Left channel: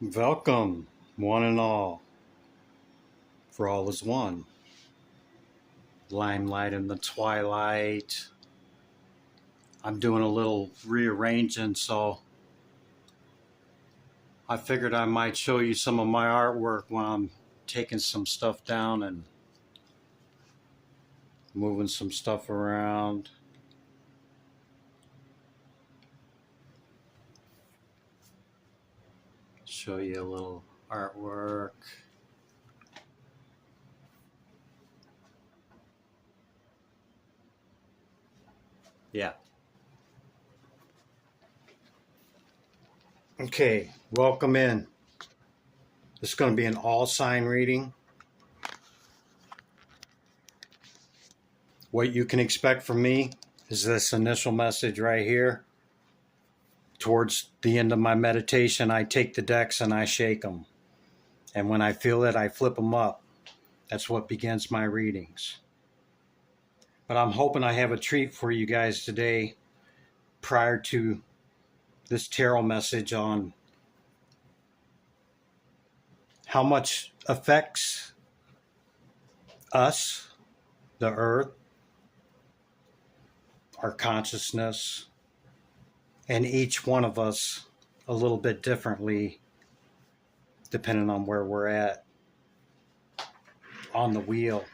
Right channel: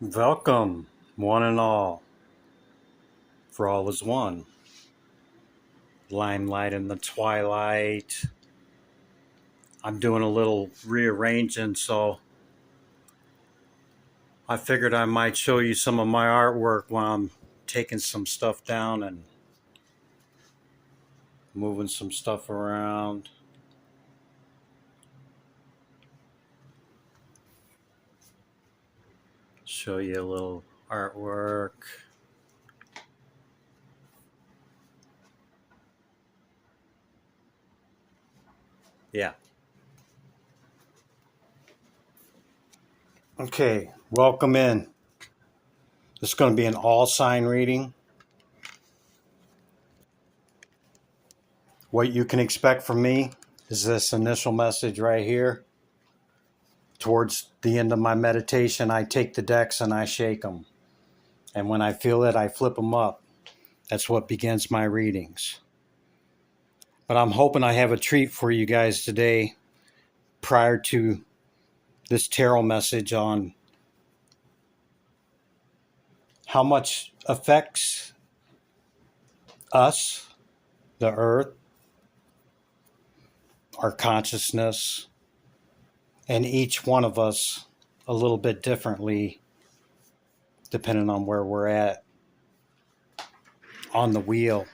Welcome, one and all, for all is one. Limelight in the twilight. I'm doing a little rearranging, so I figured I might show you some of my artwork while I'm taking some stuff down and moving some stuff around. Show you a little artwork. Yeah. Okay, welcome in. This is going to be an all sign reading. What you can expect from me is this initial message right here. Towards the end of my meditation, I take the decks and I shake them. And when I feel it, I flip them up. That's what begins my readings. But I'm hoping I have a treat for you guys today prior to this tarot message on how much affects us, the earth, our consciousness, and each one of us a little bit differently depending on where we're at on the wheel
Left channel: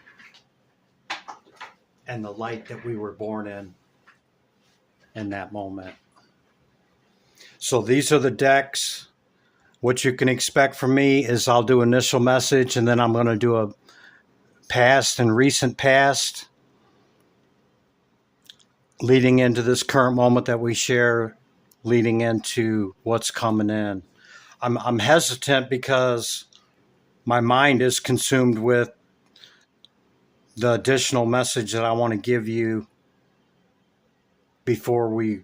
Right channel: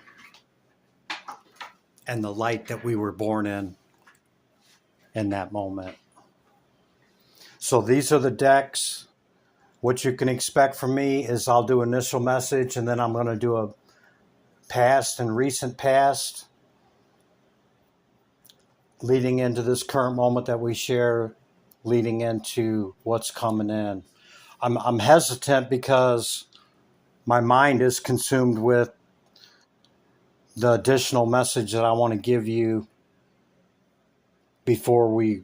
and the light that we were born in that moment. So these are the decks. What you can expect from me is I'll do initial message and then I'm going to do a past and recent past leading into this current moment that we share, leading into what's coming in. I'm hesitant because my mind is consumed with the additional message that I want to give you before we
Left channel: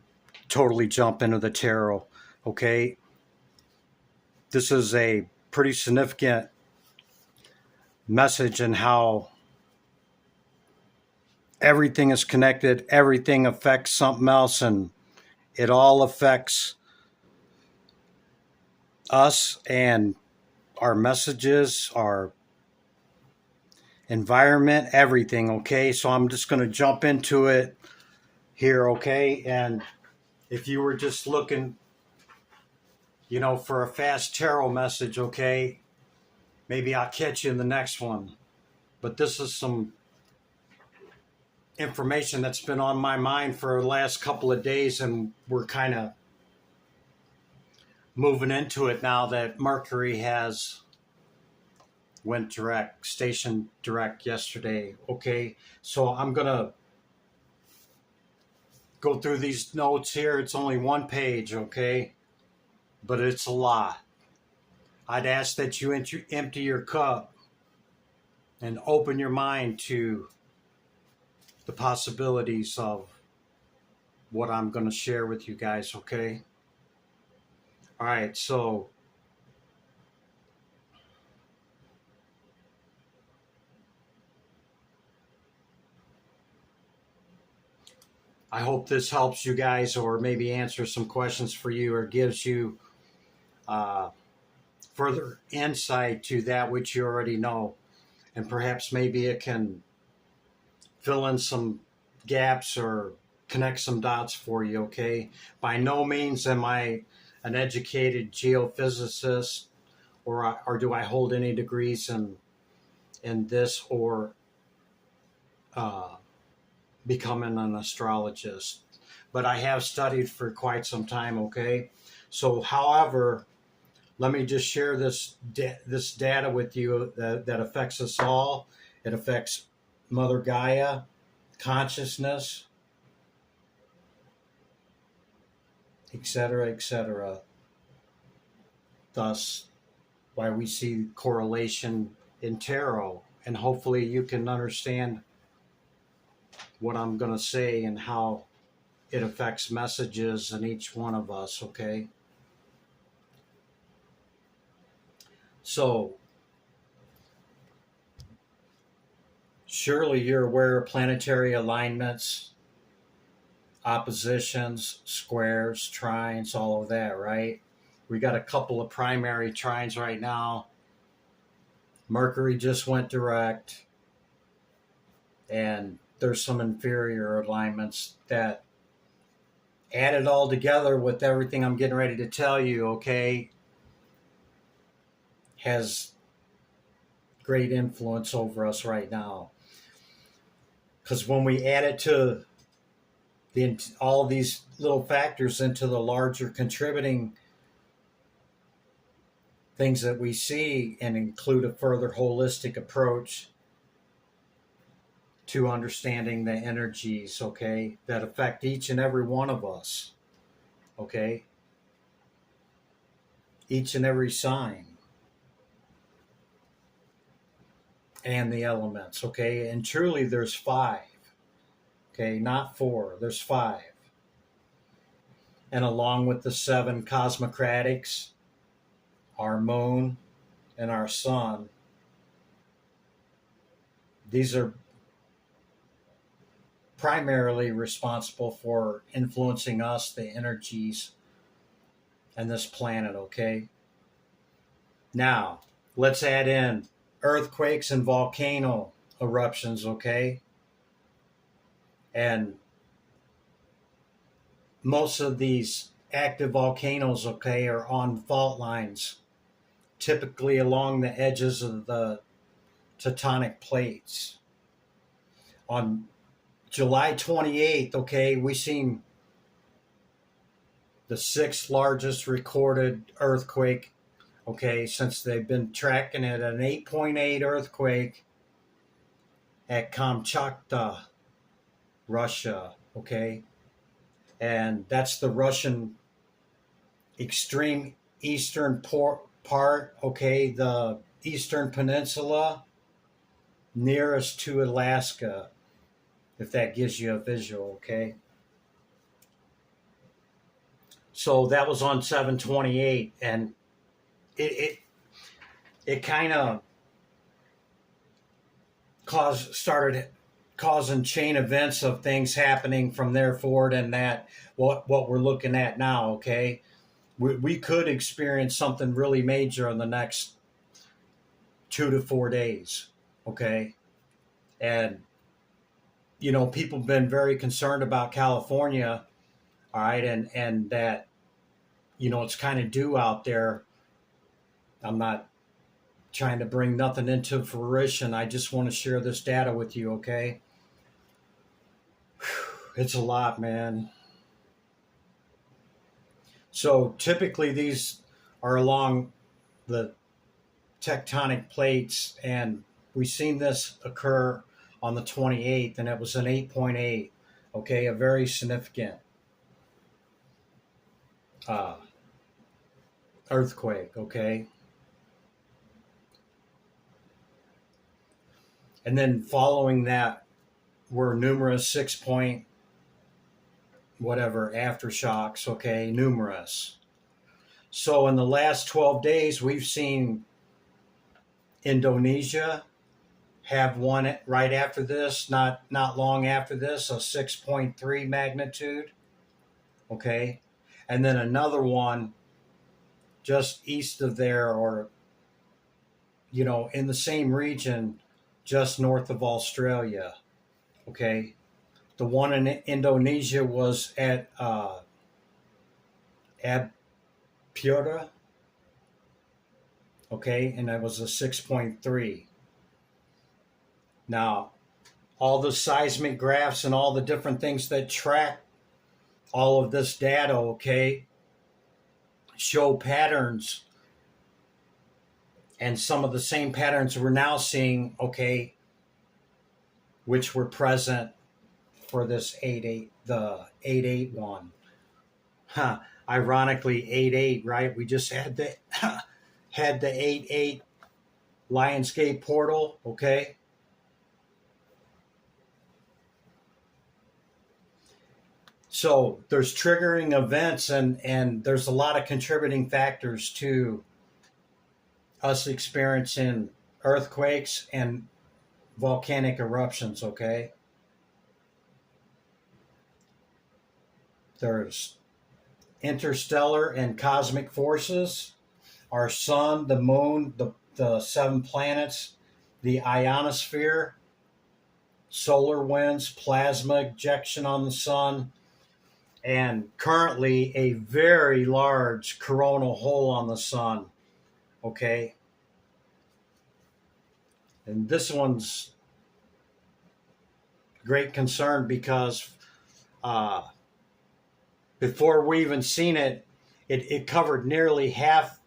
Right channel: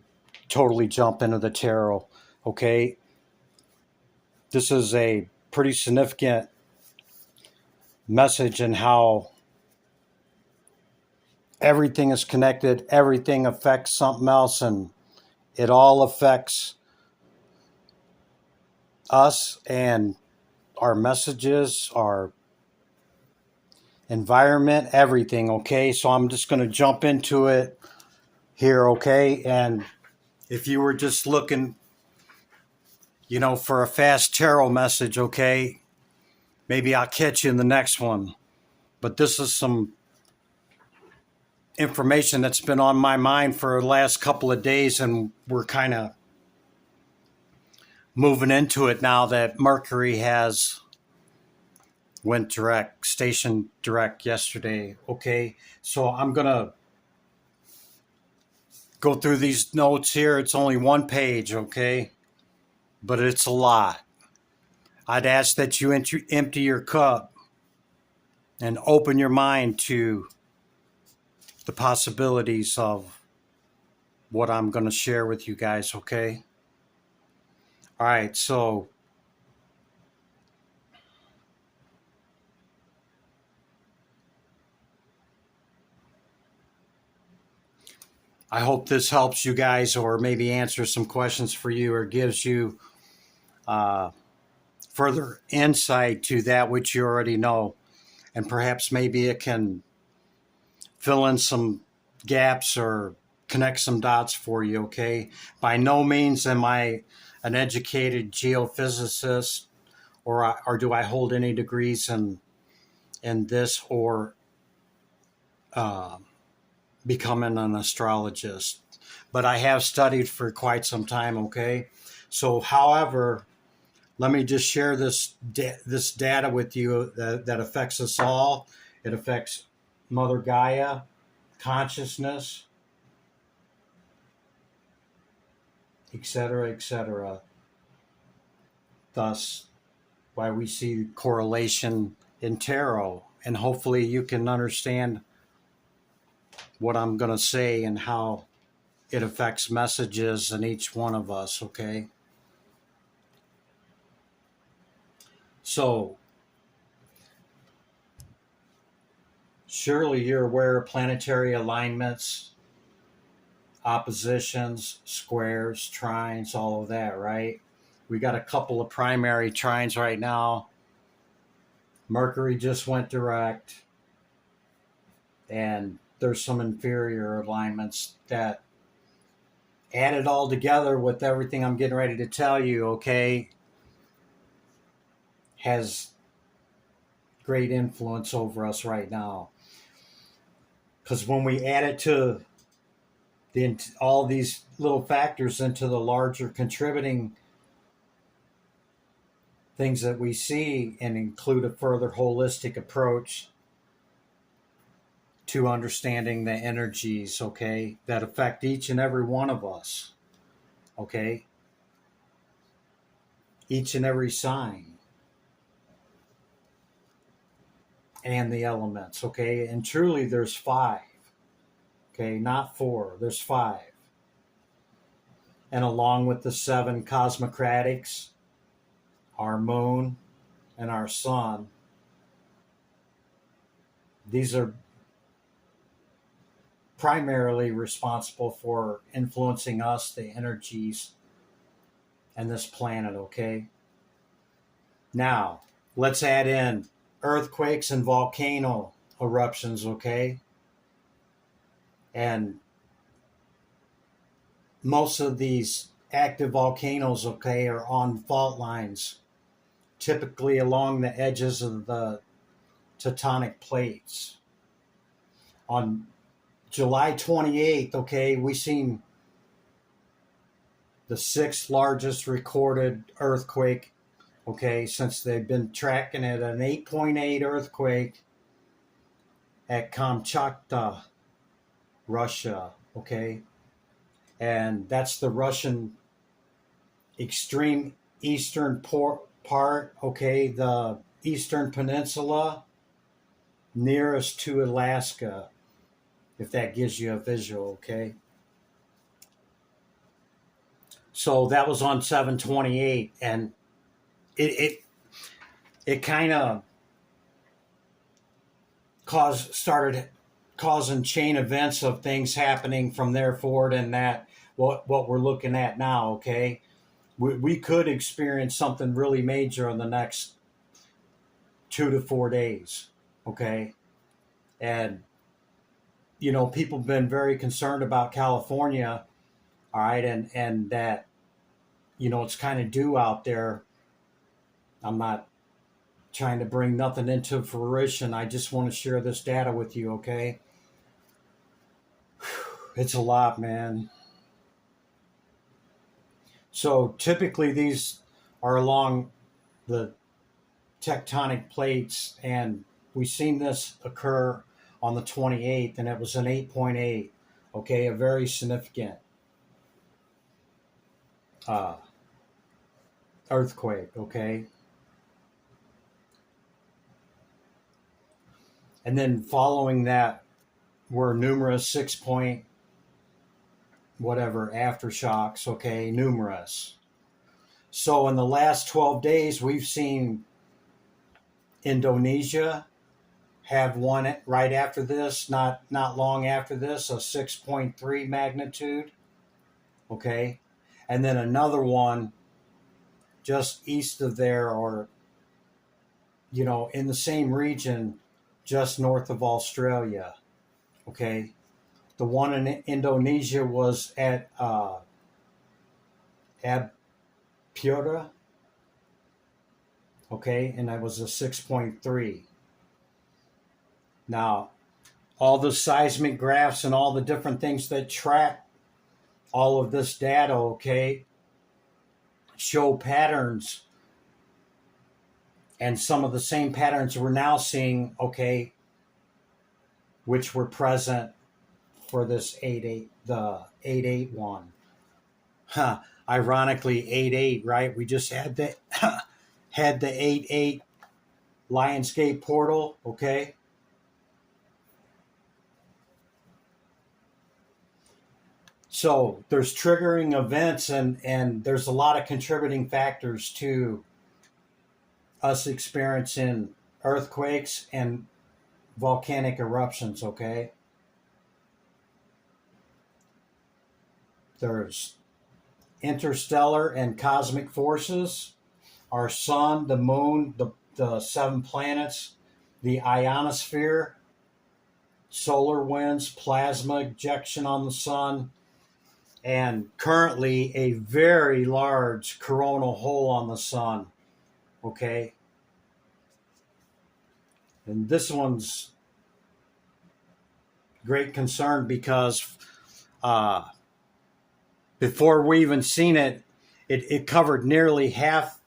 totally jump into the tarot. Okay? This is a pretty significant message in how everything is connected, everything affects something else, and it all affects us and our messages, our environment, everything, okay? So I'm just going to jump into it here, okay? And if you were just looking, for a fast tarot message, okay, maybe I'll catch you in the next one. But this is some information that's been on my mind for the last couple of days, and we're kind of moving into it now that Mercury has went direct, station direct yesterday. Okay, so I'm gonna go through these notes here. It's only one page, okay, but it's a lot. I'd ask that you empty your cup and open your mind to the possibilities of what I'm going to share with you guys, okay? All right, so I hope this helps you guys or maybe answers some questions for you or gives you further insight to that which you already know. And perhaps maybe it can fill in some gaps or connect some dots for you, okay? By no means am I an educated geophysicist or do I hold any degrees in this or becoming an astrologist. But I have studied for quite some time, okay? So, however, let me just share this data with you that affects us all. It affects Mother Gaia, consciousness, etc., etc. Thus, why we see correlation in tarot. And hopefully you can understand what I'm going to say and how it affects messages in each one of us, okay? So, surely you're aware of planetary alignments, oppositions, squares, trines, all of that, right? We got a couple of primary trines right now. Mercury just went direct, and there's some inferior alignments that added all together with everything I'm getting ready to tell you, okay, has great influence over us right now. Because when we add it to all these little factors into the larger contributing things that we see, and include a further holistic approach to understanding the energies, okay, that affect each and every one of us, okay, each and every sign and the elements, okay, and truly there's 5, okay, not 4, there's 5. And along with the 7 cosmocratics, our moon and our sun, these are primarily responsible for influencing us, the energies, and this planet, okay? Now, let's add in earthquakes and volcano eruptions, okay? And most of these active volcanoes, okay, are on fault lines, typically along the edges of the tectonic plates. On July 28th, okay, we seen the 6th largest recorded earthquake, okay, since they've been tracking it, an 8.8 earthquake at Kamchatka, Russia, okay? And that's the Russian extreme eastern part, okay, the eastern peninsula nearest to Alaska, if that gives you a visual, okay? So that was on 7/28, and it kind of started causing chain events of things happening from there forward, and that what we're looking at now, okay? We could experience something really major in the next 2 to 4 days, okay? And you know, people have been very concerned about California, all right, and that, you know, it's kind of due out there. I'm not trying to bring nothing into fruition. I just want to share this data with you, okay? It's a lot, man. So typically these are along the tectonic plates, and we've seen this occur on the 28th, and it was an 8.8, okay, a very significant earthquake, okay? And then following that were numerous 6 point whatever aftershocks, okay, numerous. So in the last 12 days, we've seen Indonesia have one right after this, not long after this, a 6.3 magnitude, okay? And then another one just east of there, or, you know, in the same region, just north of Australia, okay? The one in Indonesia was at Abpura, okay, and that was a 6.3. Now, all the seismic graphs and all the different things that track all of this data, okay, show patterns, and some of the same patterns we're now seeing, okay, which were present for this 8.8, the 8.8 one. Ironically, 8.8, right? We just had the had the 8.8 Lionsgate portal, okay? So there's triggering events, and there's a lot of contributing factors to us experiencing earthquakes and volcanic eruptions, okay? There's interstellar and cosmic forces, our sun, the moon, the 7 planets, the ionosphere, solar winds, plasma ejection on the sun, and currently a very large coronal hole on the sun. Okay. And this one's great concern because before we even seen it, it covered nearly half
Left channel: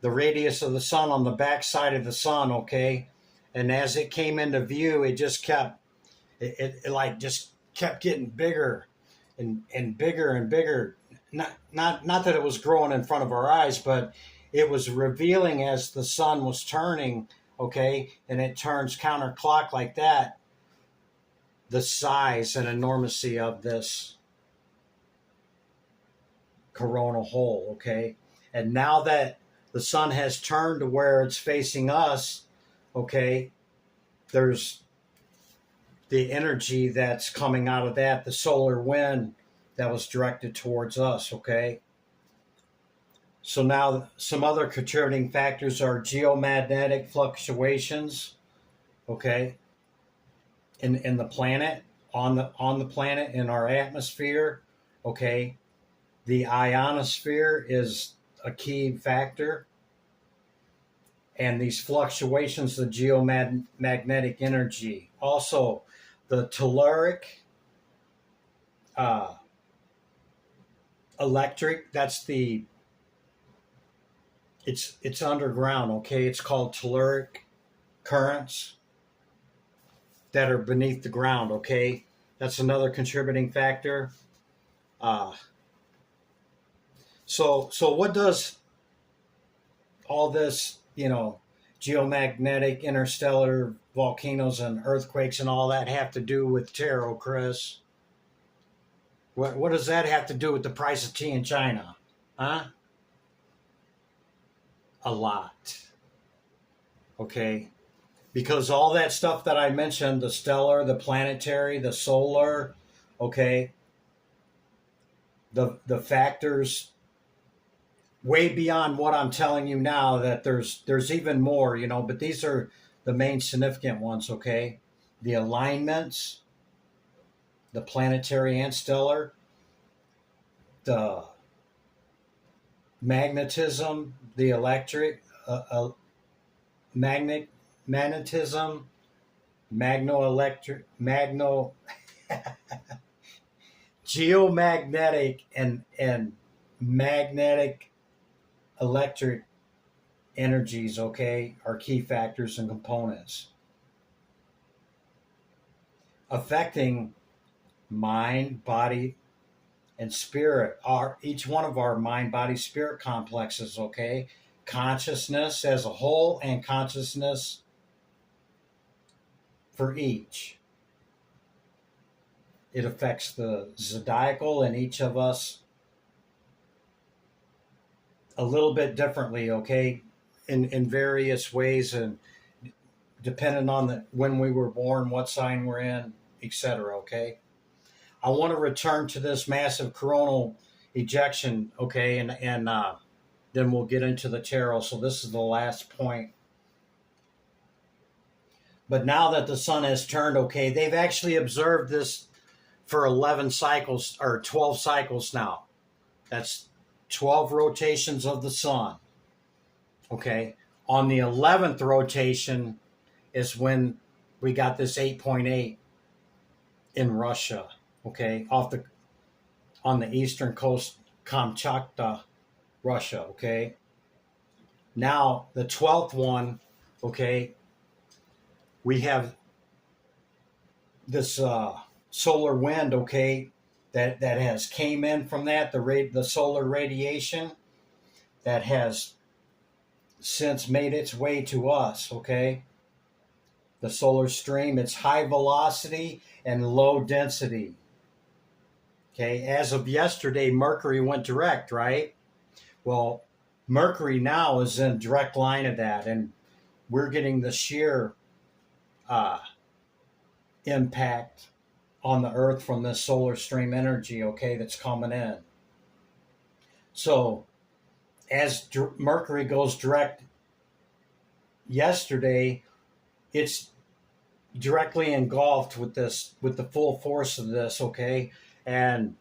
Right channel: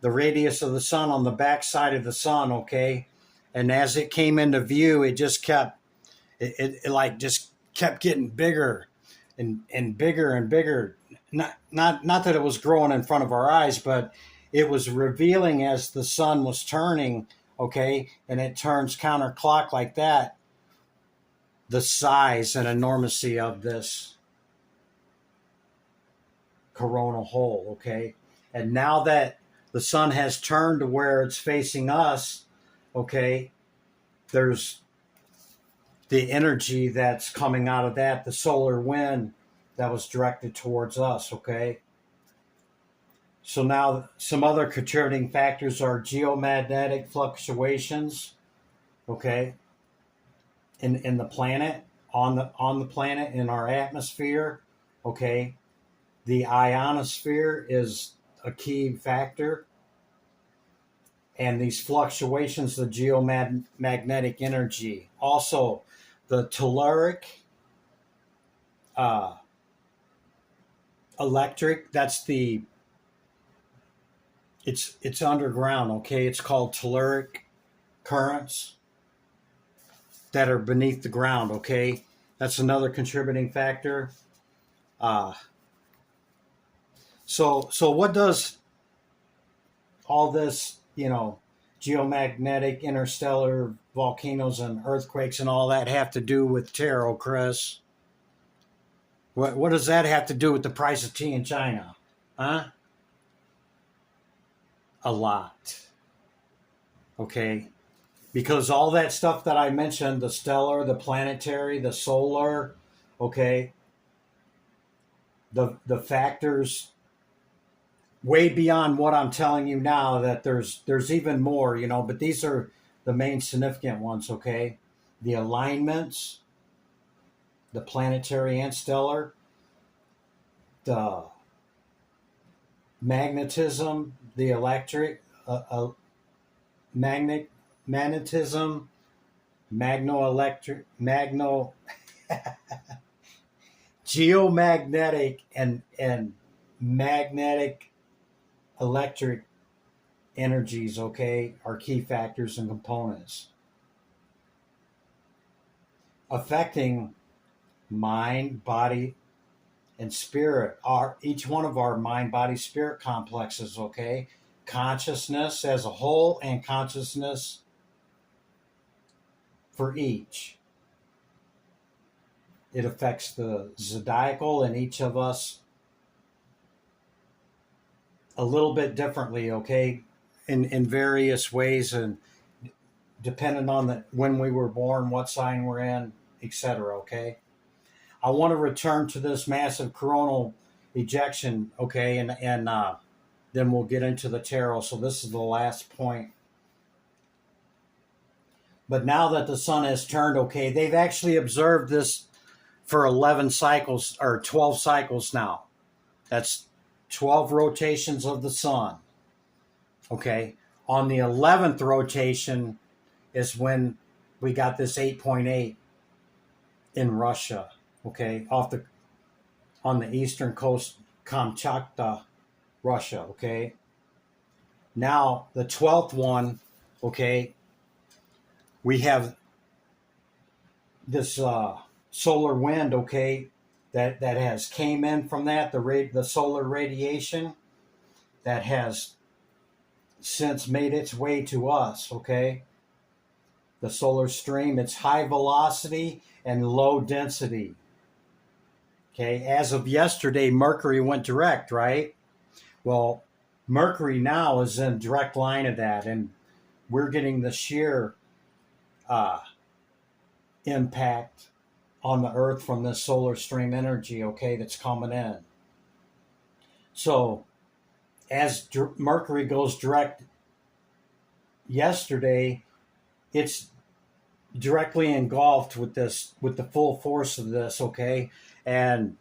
the radius of the sun on the back side of the sun. Okay. And as it came into view, it just kept, it like just kept getting bigger and bigger and bigger. Not that it was growing in front of our eyes, but it was revealing as the sun was turning, okay, and it turns counterclock like that, the size and enormity of this coronal hole, okay? And now that the sun has turned to where it's facing us, okay, there's the energy that's coming out of that, the solar wind that was directed towards us, okay? So now some other contributing factors are geomagnetic fluctuations, okay, in the planet, on the planet, in our atmosphere, okay? The ionosphere is a key factor. And these fluctuations, the geomagnetic energy. Also, the telluric electric, that's the, it's underground, okay? It's called telluric currents that are beneath the ground, okay? That's another contributing factor. So what does all this, geomagnetic, interstellar, volcanoes and earthquakes and all that have to do with tarot, Chris? What does that have to do with the price of tea in China? Huh? A lot. Okay? Because all that stuff that I mentioned, the stellar, the planetary, the solar, okay, the factors way beyond what I'm telling you now, that there's even more, but these are the main significant ones, okay? The alignments, the planetary and stellar, the magnetism, the electric, magnetism, geomagnetic and magnetic electric energies, okay, are key factors and components affecting mind, body, and spirit. Each one of our mind, body, spirit complexes, okay? Consciousness as a whole and consciousness for each. It affects the zodiacal and each of us a little bit differently, okay, in various ways, and depending on when we were born, what sign we're in, etc., okay? I want to return to this massive coronal ejection, okay, and then we'll get into the tarot. So this is the last point. But now that the sun has turned, okay, they've actually observed this for 11 cycles or 12 cycles now. That's 12 rotations of the sun. Okay. On the 11th rotation is when we got this 8.8 in Russia. Okay. On the eastern coast, Kamchatka, Russia. Okay. Now the 12th one, okay, we have this solar wind, okay, that has came in from that, the solar radiation that has since made its way to us, okay? The solar stream, it's high velocity and low density. Okay, as of yesterday, Mercury went direct, right? Well, Mercury now is in direct line of that, and we're getting the sheer impact on the Earth from this solar stream energy, okay, that's coming in. So as Mercury goes direct yesterday, it's directly engulfed with this, with the full force of this, okay? And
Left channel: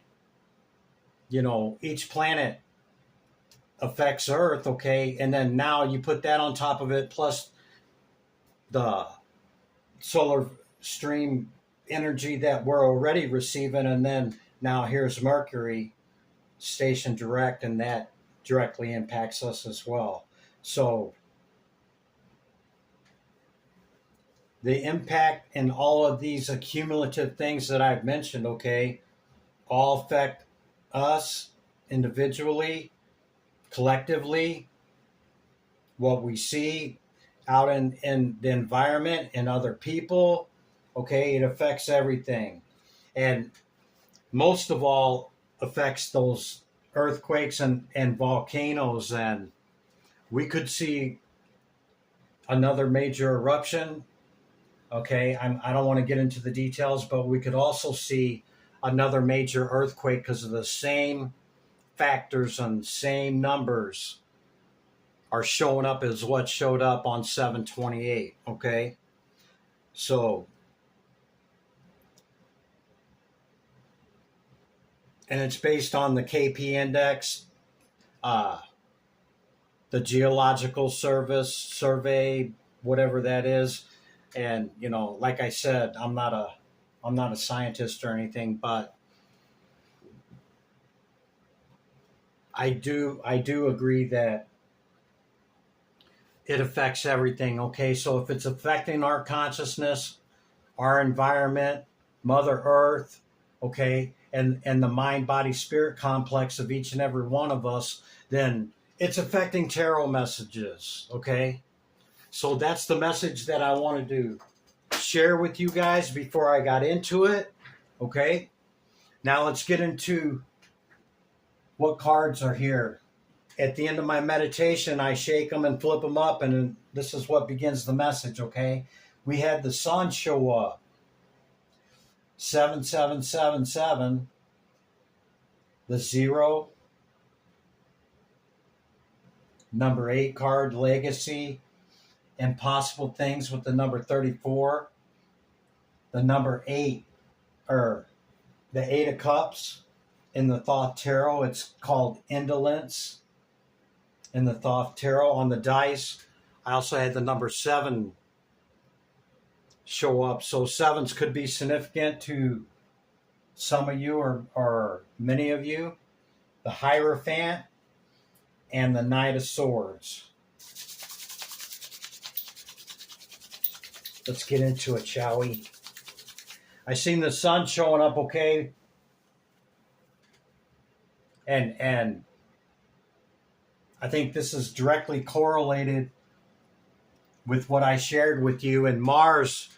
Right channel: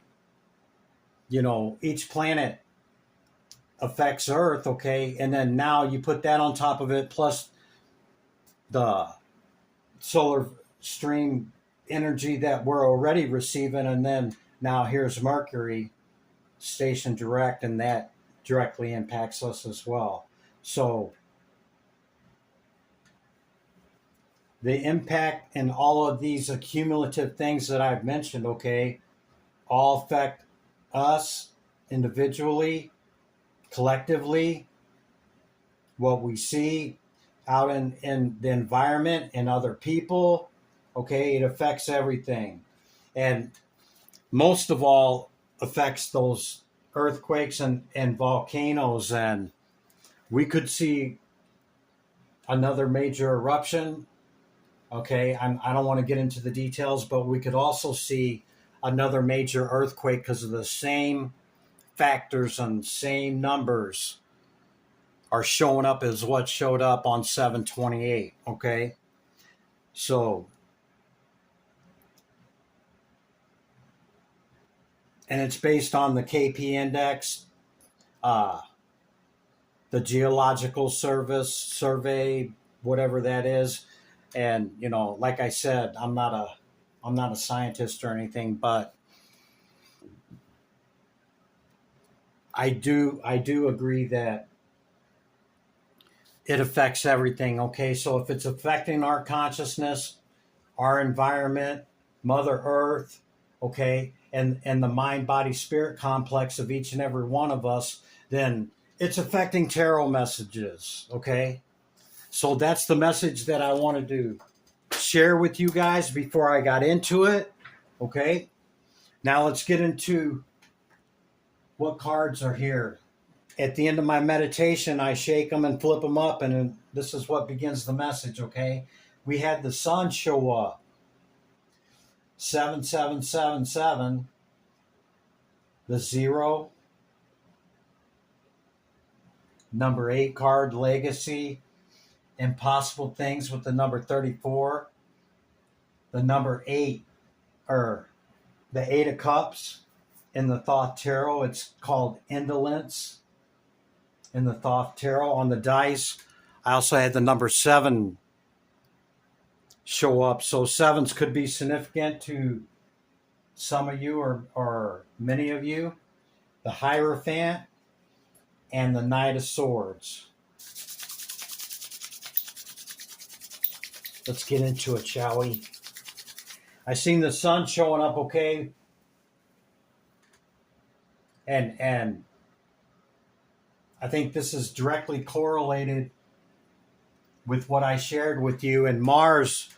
each planet affects Earth, okay? And then now you put that on top of it, plus the solar stream energy that we're already receiving, and then now here's Mercury stationed direct, and that directly impacts us as well. So the impact and all of these accumulative things that I've mentioned, okay, all affect us individually, collectively, what we see out in the environment and other people, okay, it affects everything. And most of all affects those earthquakes and volcanoes. And we could see another major eruption. Okay, I don't want to get into the details, but we could also see another major earthquake because of the same factors and same numbers are showing up as what showed up on 7/28. Okay, so, and it's based on the KP index, the geological service survey, whatever that is. And like I said, I'm not a scientist or anything, but I do agree that it affects everything. Okay, so if it's affecting our consciousness, our environment, Mother Earth, okay, and the mind body spirit complex of each and every one of us, then it's affecting tarot messages. Okay, so that's the message that I wanted to share with you guys before I got into it. Okay, now let's get into what cards are here. At the end of my meditation, I shake them and flip them up, and this is what begins the message. Okay, we had the sun show up, 7777, the 0, number 8 card, legacy, impossible things with the number 34, the number 8, or the 8 of cups in the Thoth Tarot. It's called indolence in the Thoth Tarot. On the dice, I also had the number 7 show up. So 7s could be significant to some of you, or many of you. The Hierophant and the Knight of Swords. Let's get into it, shall we? I seen the sun showing up, okay? And I think this is directly correlated with what I shared with you. And Mars,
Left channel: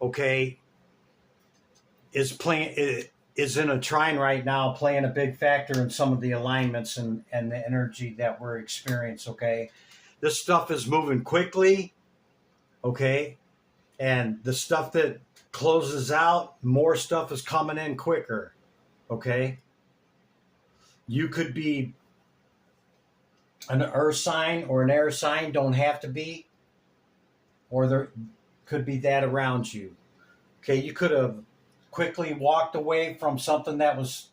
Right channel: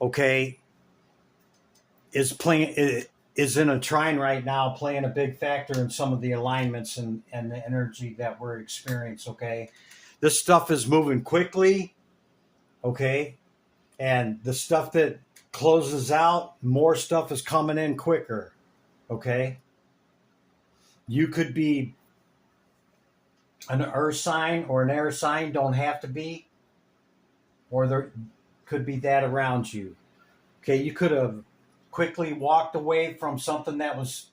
okay, is in a trine right now, playing a big factor in some of the alignments and the energy that we're experiencing. Okay, this stuff is moving quickly. Okay, and the stuff that closes out, more stuff is coming in quicker. Okay, you could be an earth sign or an air sign, don't have to be, or there could be that around you. Okay, you could have quickly walked away from something that was,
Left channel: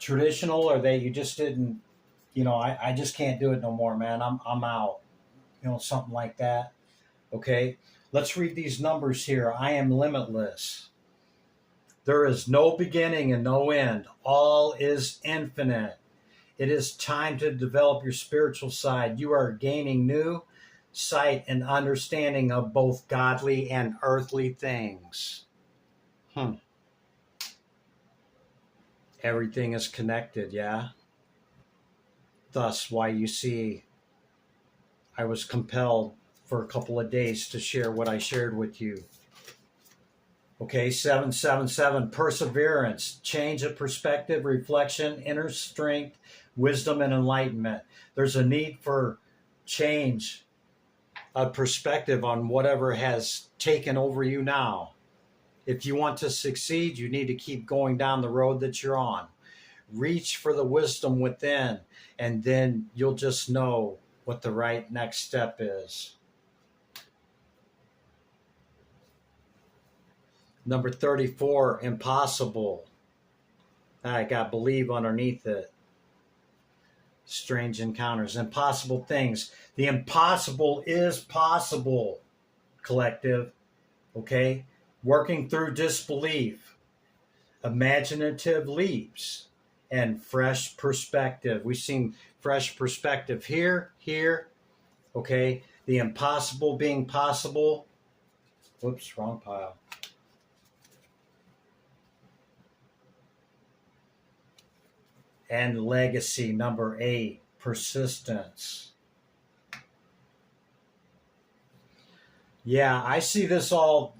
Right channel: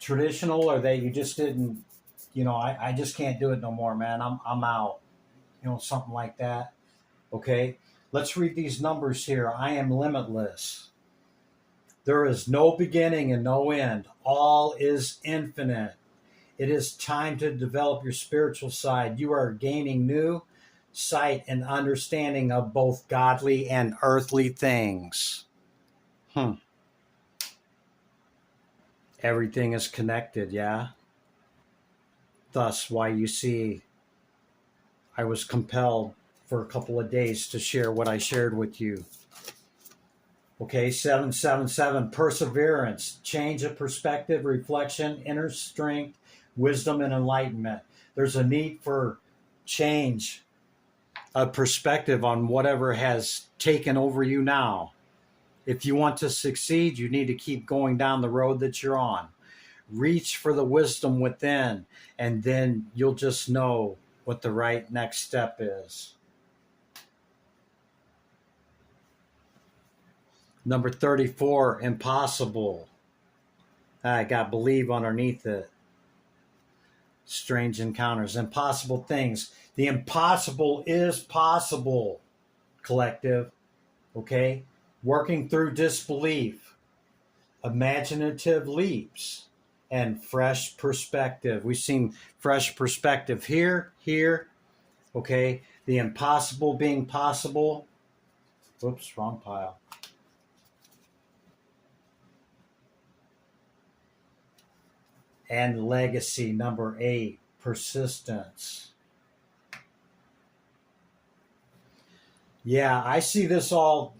traditional, or that you just didn't, I just can't do it no more, man. I'm out, something like that. Okay, let's read these numbers here. I am limitless. There is no beginning and no end. All is infinite. It is time to develop your spiritual side. You are gaining new sight and understanding of both godly and earthly things. Everything is connected, yeah? Thus, why you see I was compelled for a couple of days to share what I shared with you. Okay, 777, perseverance, change of perspective, reflection, inner strength, wisdom, and enlightenment. There's a need for change of perspective on whatever has taken over you now. If you want to succeed, you need to keep going down the road that you're on. Reach for the wisdom within, and then you'll just know what the right next step is. Number 34, impossible. I got believe underneath it. Strange encounters, impossible things. The impossible is possible, collective. Okay? Working through disbelief, imaginative leaps, and fresh perspective. We've seen fresh perspective here, okay? The impossible being possible. Whoops, wrong pile. And legacy, number 8, persistence. Yeah, I see this all,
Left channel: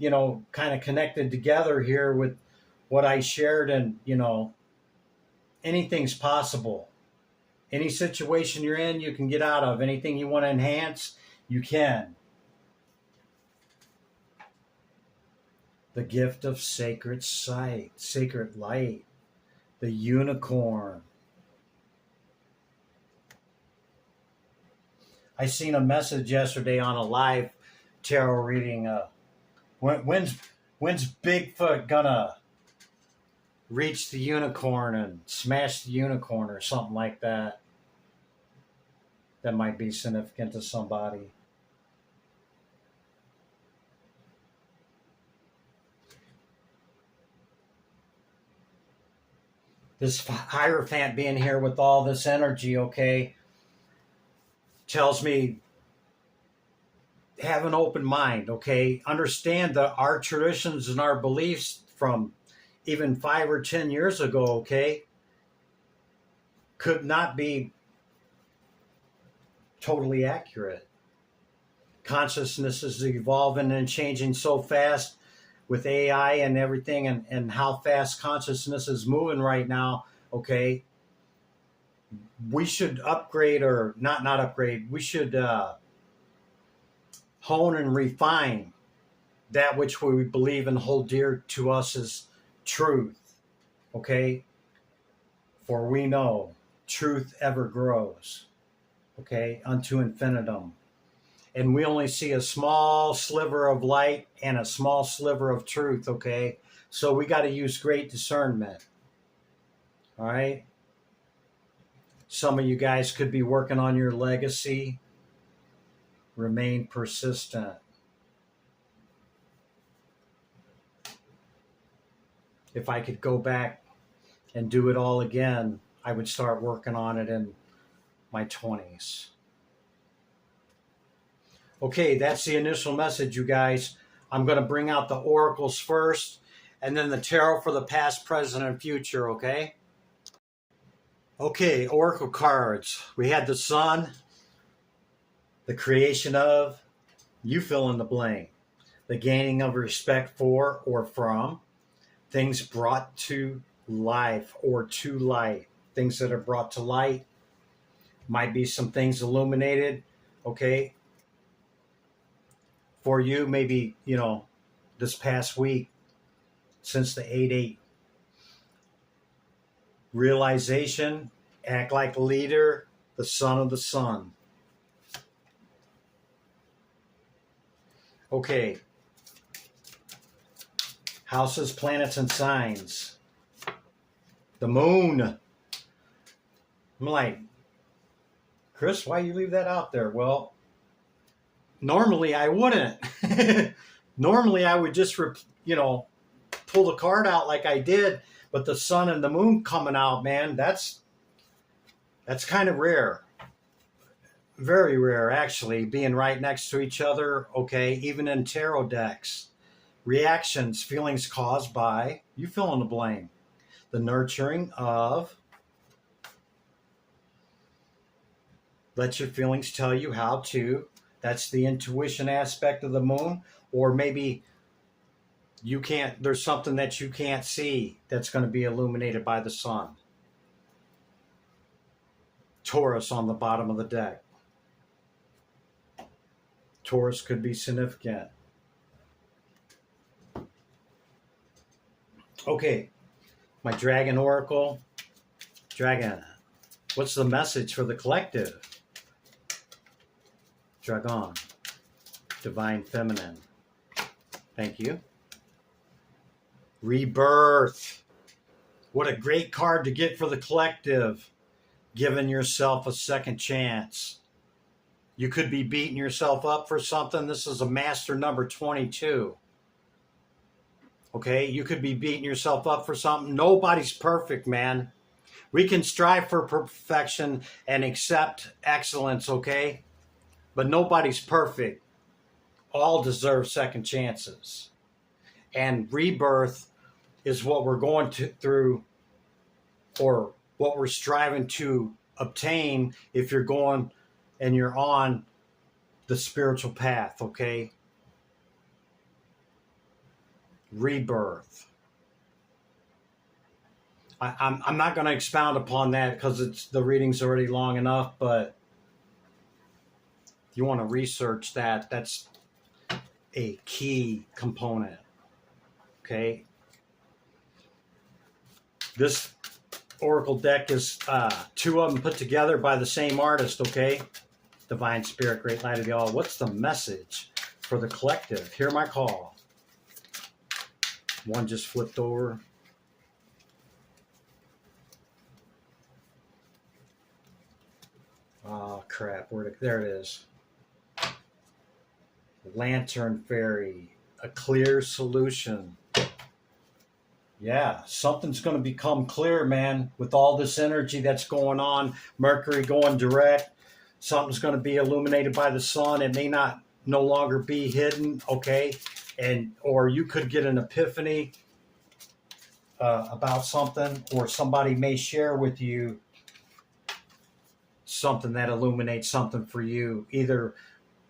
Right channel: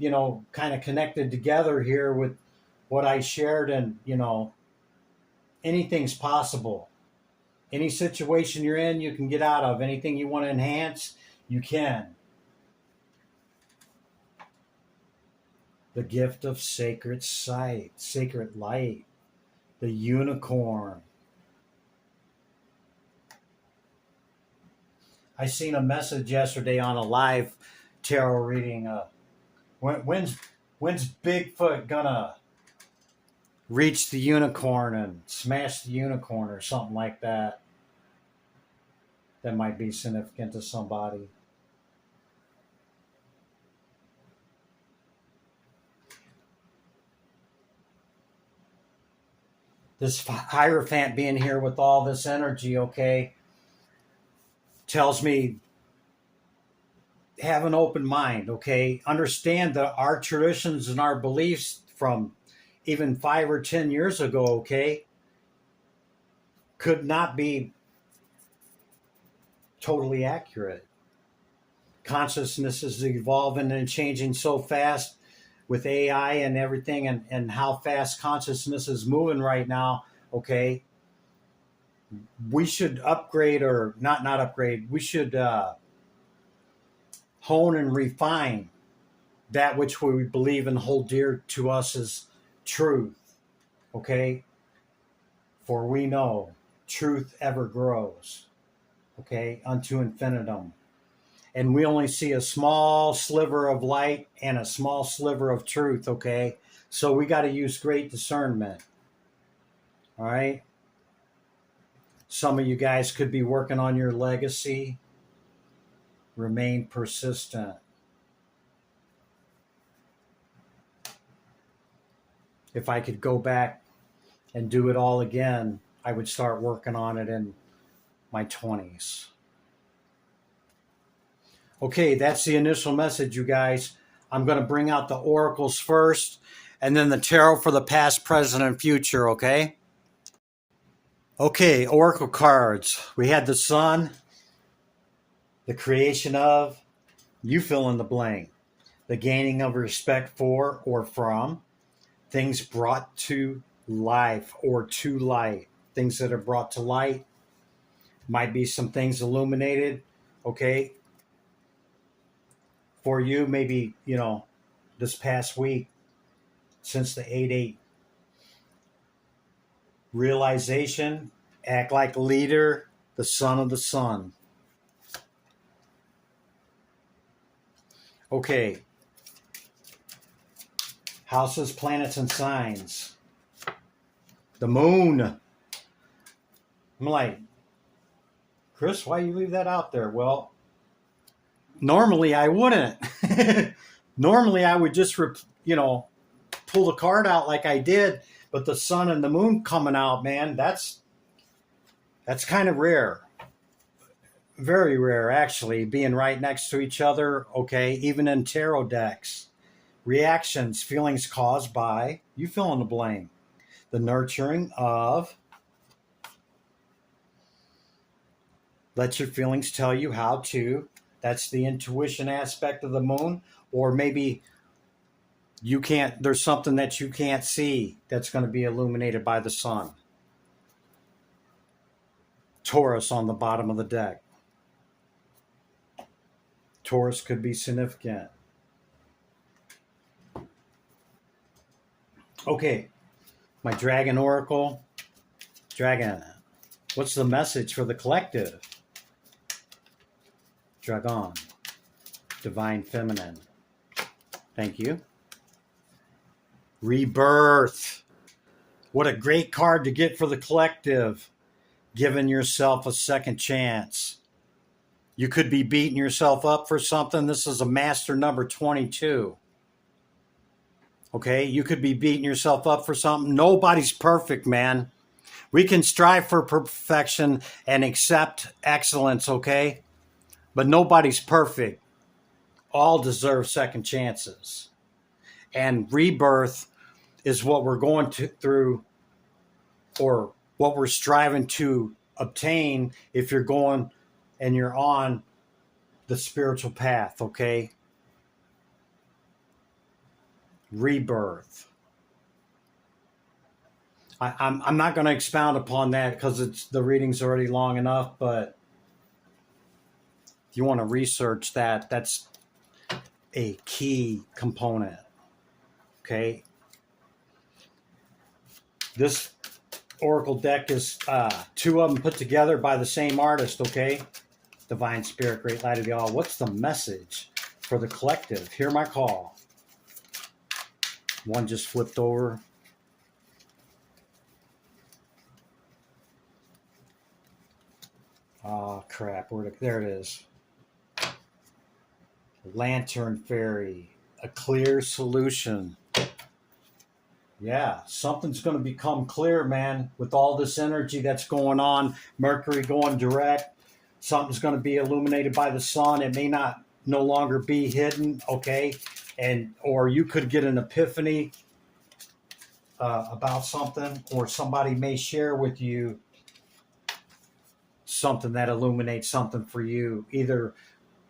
kind of connected together here with what I shared, and, anything's possible. Any situation you're in, you can get out of. Anything you want to enhance, you can. The gift of sacred sight, sacred light, the unicorn. I seen a message yesterday on a live tarot reading. When's Bigfoot gonna reach the unicorn and smash the unicorn or something like that? That might be significant to somebody. This Hierophant being here with all this energy, okay, tells me have an open mind, okay? Understand that our traditions and our beliefs from even 5 or 10 years ago, okay, could not be totally accurate. Consciousness is evolving and changing so fast with AI and everything, and how fast consciousness is moving right now, okay? We should upgrade, or not upgrade, we should hone and refine that which we believe and hold dear to us as truth, okay? For we know truth ever grows, okay, unto infinitum. And we only see a small sliver of light and a small sliver of truth, okay? So we got to use great discernment, all right? Some of you guys could be working on your legacy. Remain persistent. If I could go back and do it all again, I would start working on it in my 20s. Okay, that's the initial message, you guys. I'm going to bring out the oracles first, and then the tarot for the past, present, and future, okay? Okay, oracle cards. We had the sun, the creation of, you fill in the blank, the gaining of respect for or from, things brought to life or to light, things that are brought to light. Might be some things illuminated, okay? For you, maybe, this past week, since the 8-8. Realization, act like a leader, the son of the sun. Okay. Houses, planets, and signs. The moon. I'm like, Chris, why you leave that out there? Well, normally I wouldn't. Normally I would just, pull the card out like I did, but the sun and the moon coming out, man, that's kind of rare. Very rare, actually, being right next to each other, okay, even in tarot decks. Reactions, feelings caused by, you fill in the blank. The nurturing of, let your feelings tell you how to, that's the intuition aspect of the moon, or maybe there's something that you can't see that's going to be illuminated by the sun. Taurus on the bottom of the deck. Taurus could be significant. Okay, my dragon oracle. Dragon. What's the message for the collective? Dragon. Divine Feminine. Thank you. Rebirth. What a great card to get for the collective. Giving yourself a second chance. You could be beating yourself up for something. This is a master number 22. Okay, you could be beating yourself up for something. Nobody's perfect, man. We can strive for perfection and accept excellence, okay? But nobody's perfect. All deserve second chances. And rebirth is what we're going through, or what we're striving to obtain if you're going and you're on the spiritual path, okay? Rebirth. I'm not going to expound upon that because the reading's already long enough, but if you want to research that, that's a key component, okay? This Oracle deck is two of them put together by the same artist, okay? Divine Spirit, Great Light of y'all. What's the message for the collective? Hear my call. One just flipped over. Oh, crap. There it is. Lantern Fairy. A clear solution. Yeah, something's going to become clear, man, with all this energy that's going on. Mercury going direct. Something's going to be illuminated by the sun. It may no longer be hidden, okay? Or you could get an epiphany about something, or somebody may share with you something that illuminates something for you, either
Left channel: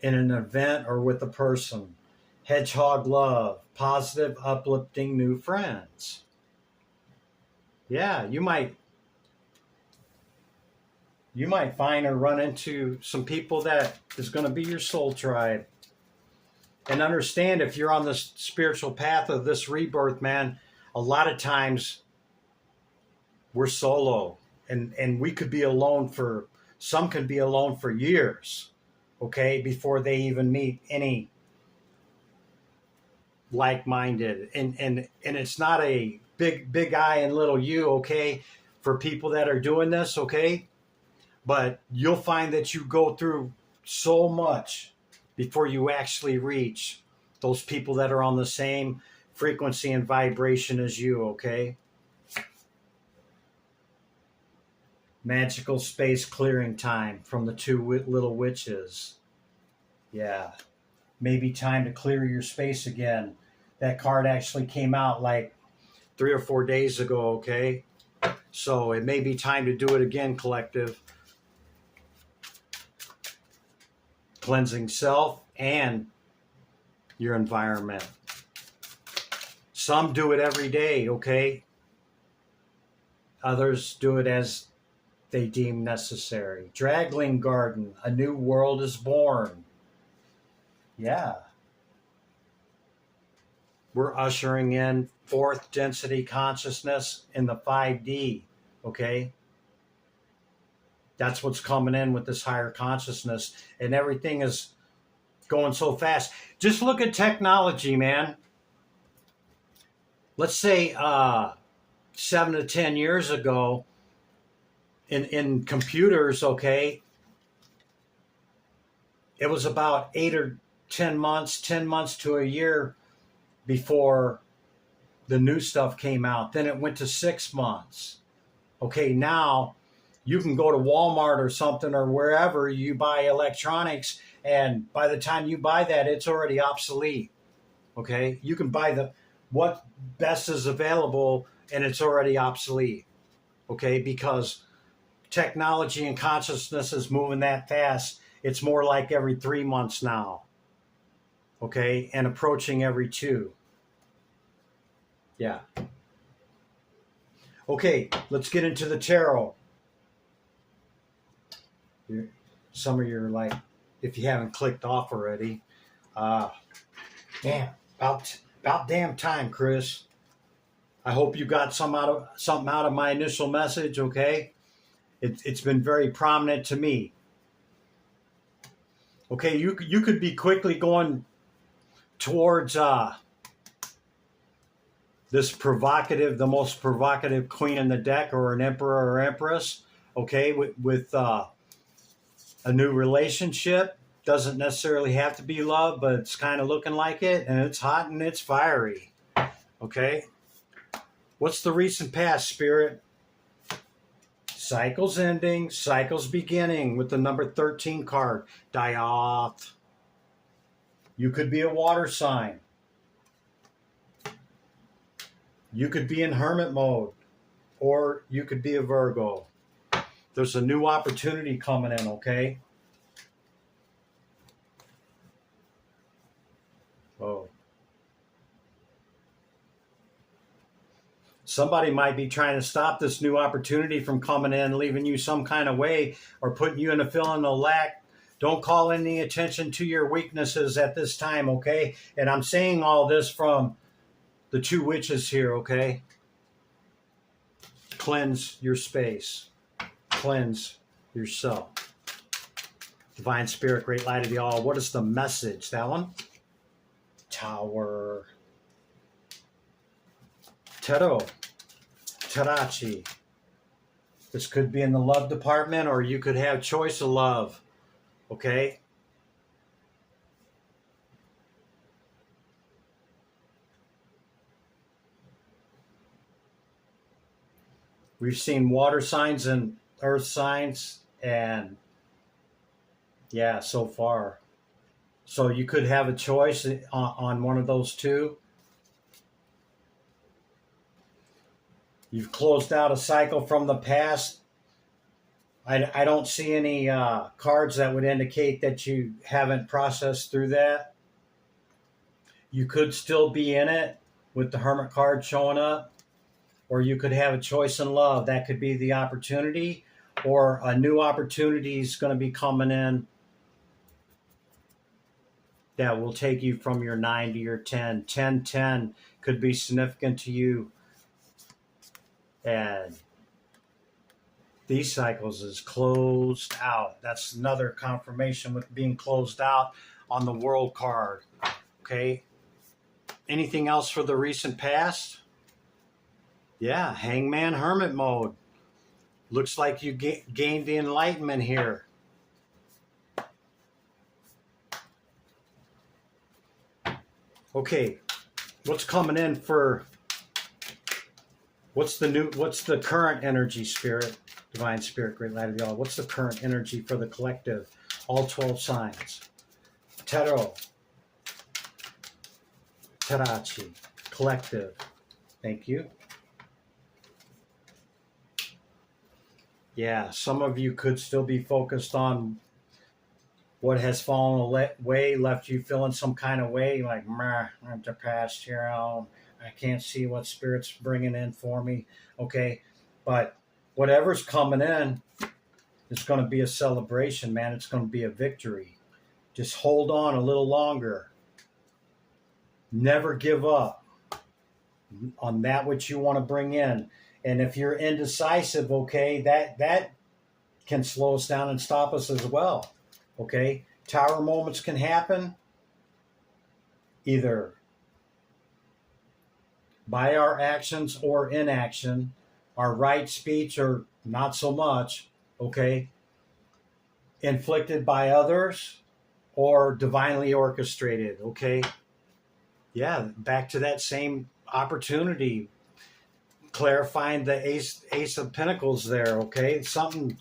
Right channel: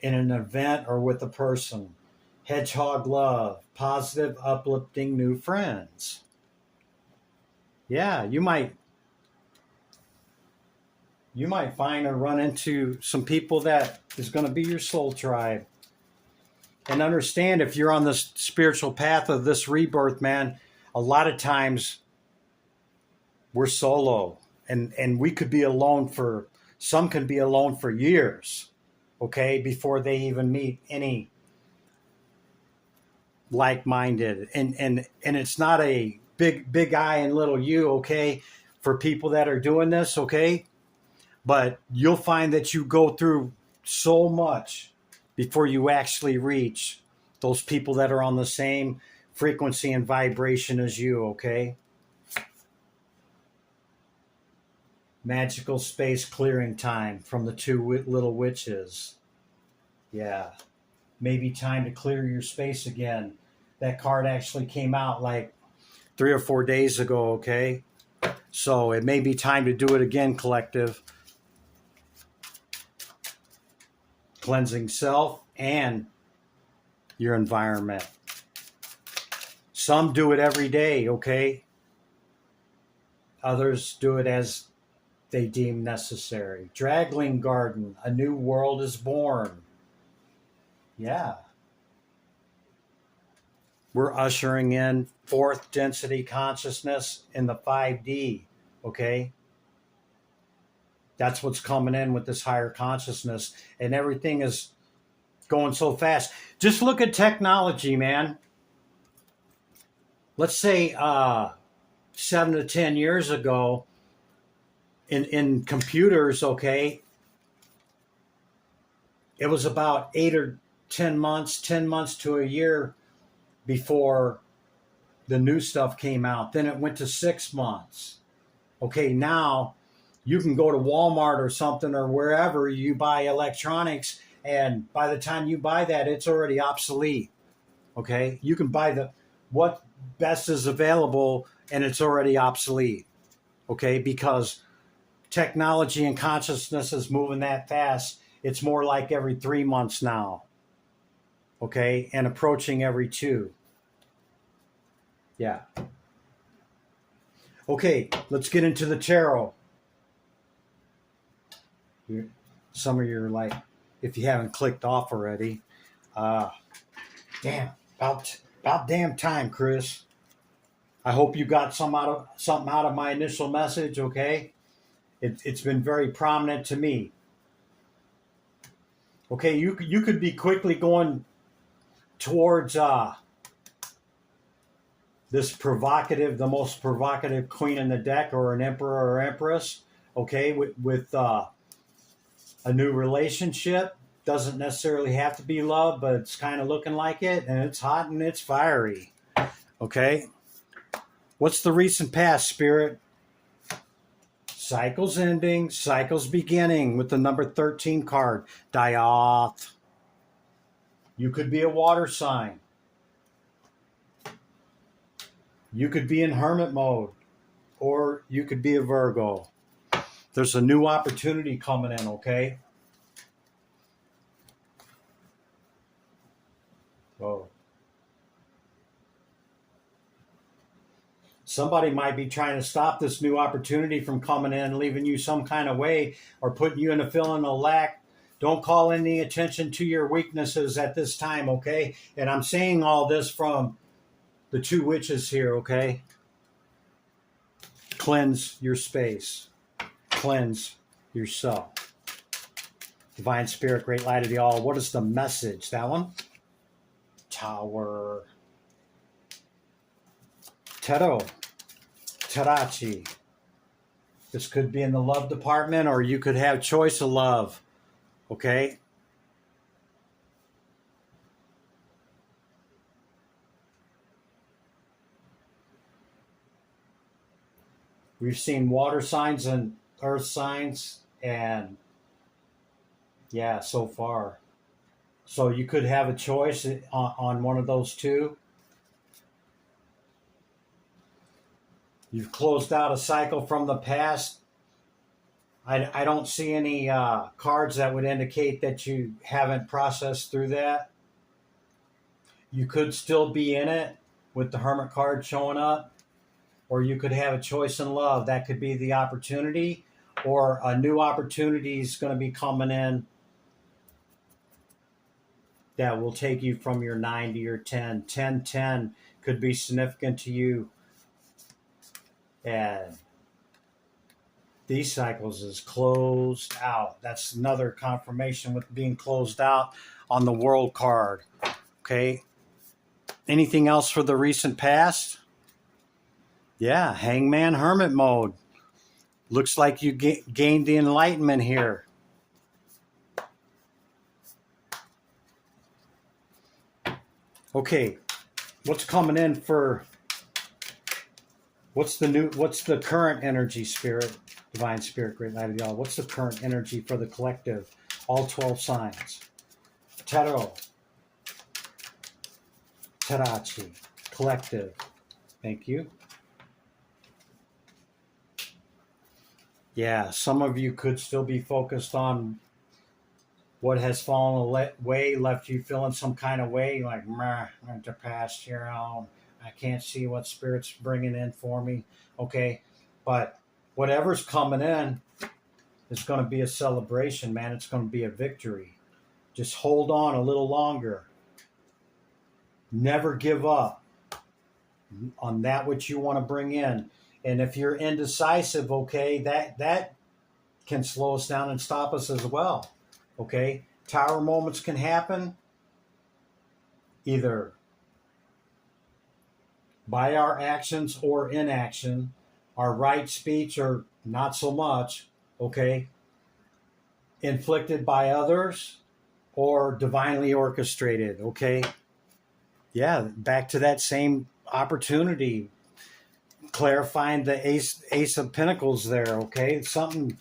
in an event or with a person. Hedgehog love, positive, uplifting new friends. Yeah, you might find or run into some people that is going to be your soul tribe. And understand, if you're on this spiritual path of this rebirth, man, a lot of times we're solo, and we could be alone some can be alone for years, okay, before they even meet any like-minded. And it's not a big I and little you, okay, for people that are doing this, okay? But you'll find that you go through so much before you actually reach those people that are on the same frequency and vibration as you, okay? Magical space clearing time from the two little witches. Yeah. Maybe time to clear your space again. That card actually came out like 3 or 4 days ago, okay? So it may be time to do it again, collective. Cleansing self and your environment. Some do it every day, okay? Others do it as they deem necessary. Draggling garden, a new world is born. Yeah. We're ushering in fourth density consciousness in the 5D, okay? That's what's coming in with this higher consciousness, and everything is going so fast. Just look at technology, man. Let's say 7 to 10 years ago, in computers, okay, it was about 8 or 10 months to a year before the new stuff came out. Then it went to 6 months. Okay, now you can go to Walmart or something, or wherever you buy electronics, and by the time you buy that, it's already obsolete. Okay, you can buy what best is available, and it's already obsolete. Okay, because technology and consciousness is moving that fast. It's more like every 3 months now. Okay, and approaching every 2. Yeah. Okay, let's get into the tarot. Some of you are like, if you haven't clicked off already, damn, about damn time, Chris. I hope you got something out of my initial message, okay? It's been very prominent to me. Okay, you could be quickly going towards this provocative, the most provocative queen in the deck, or an emperor or empress. Okay, with a new relationship. Doesn't necessarily have to be love, but it's kind of looking like it, and it's hot and it's fiery. Okay, what's the recent past, Spirit? Cycles ending, cycles beginning, with the number 13 card. Die off. You could be a water sign. You could be in hermit mode, or you could be a Virgo. There's a new opportunity coming in, okay? Whoa. Somebody might be trying to stop this new opportunity from coming in, leaving you some kind of way, or putting you in a feeling of lack. Don't call any attention to your weaknesses at this time, okay? And I'm saying all this from the two witches here, okay? Cleanse your space. Cleanse yourself. Divine Spirit, Great Light of the All. What is the message? That one? Tower. Tero. Tarachi. This could be in the love department, or you could have choice of love. Okay? We've seen water signs and earth signs, and yeah, so far. So you could have a choice on one of those two. You've closed out a cycle from the past. I don't see any cards that would indicate that you haven't processed through that. You could still be in it with the Hermit card showing up, or you could have a choice in love. That could be the opportunity, or a new opportunity is going to be coming in that will take you from your 9 to your 10. 10-10 could be significant to you. And these cycles is closed out. That's another confirmation with being closed out on the World card. Okay. Anything else for the recent past? Yeah, Hangman Hermit mode. Looks like you gained the enlightenment here. Okay, what's coming in for, what's the current energy, Spirit, Divine Spirit, Great Light of the All? What's the current energy for the collective? All 12 signs. Tero. Tarachi. Collective. Thank you. Yeah, some of you could still be focused on what has fallen away, left you feeling some kind of way, like, I'm the past here, I can't see what Spirit's bringing in for me. Okay, but whatever's coming in is going to be a celebration, man. It's going to be a victory. Just hold on a little longer. Never give up on that which you want to bring in. And if you're indecisive, okay, that can slow us down and stop us as well. Okay, tower moments can happen either by our actions or inaction, our right speech or not so much, okay, inflicted by others or divinely orchestrated, okay? Yeah, back to that same opportunity, clarifying the Ace of Pentacles there, okay? Something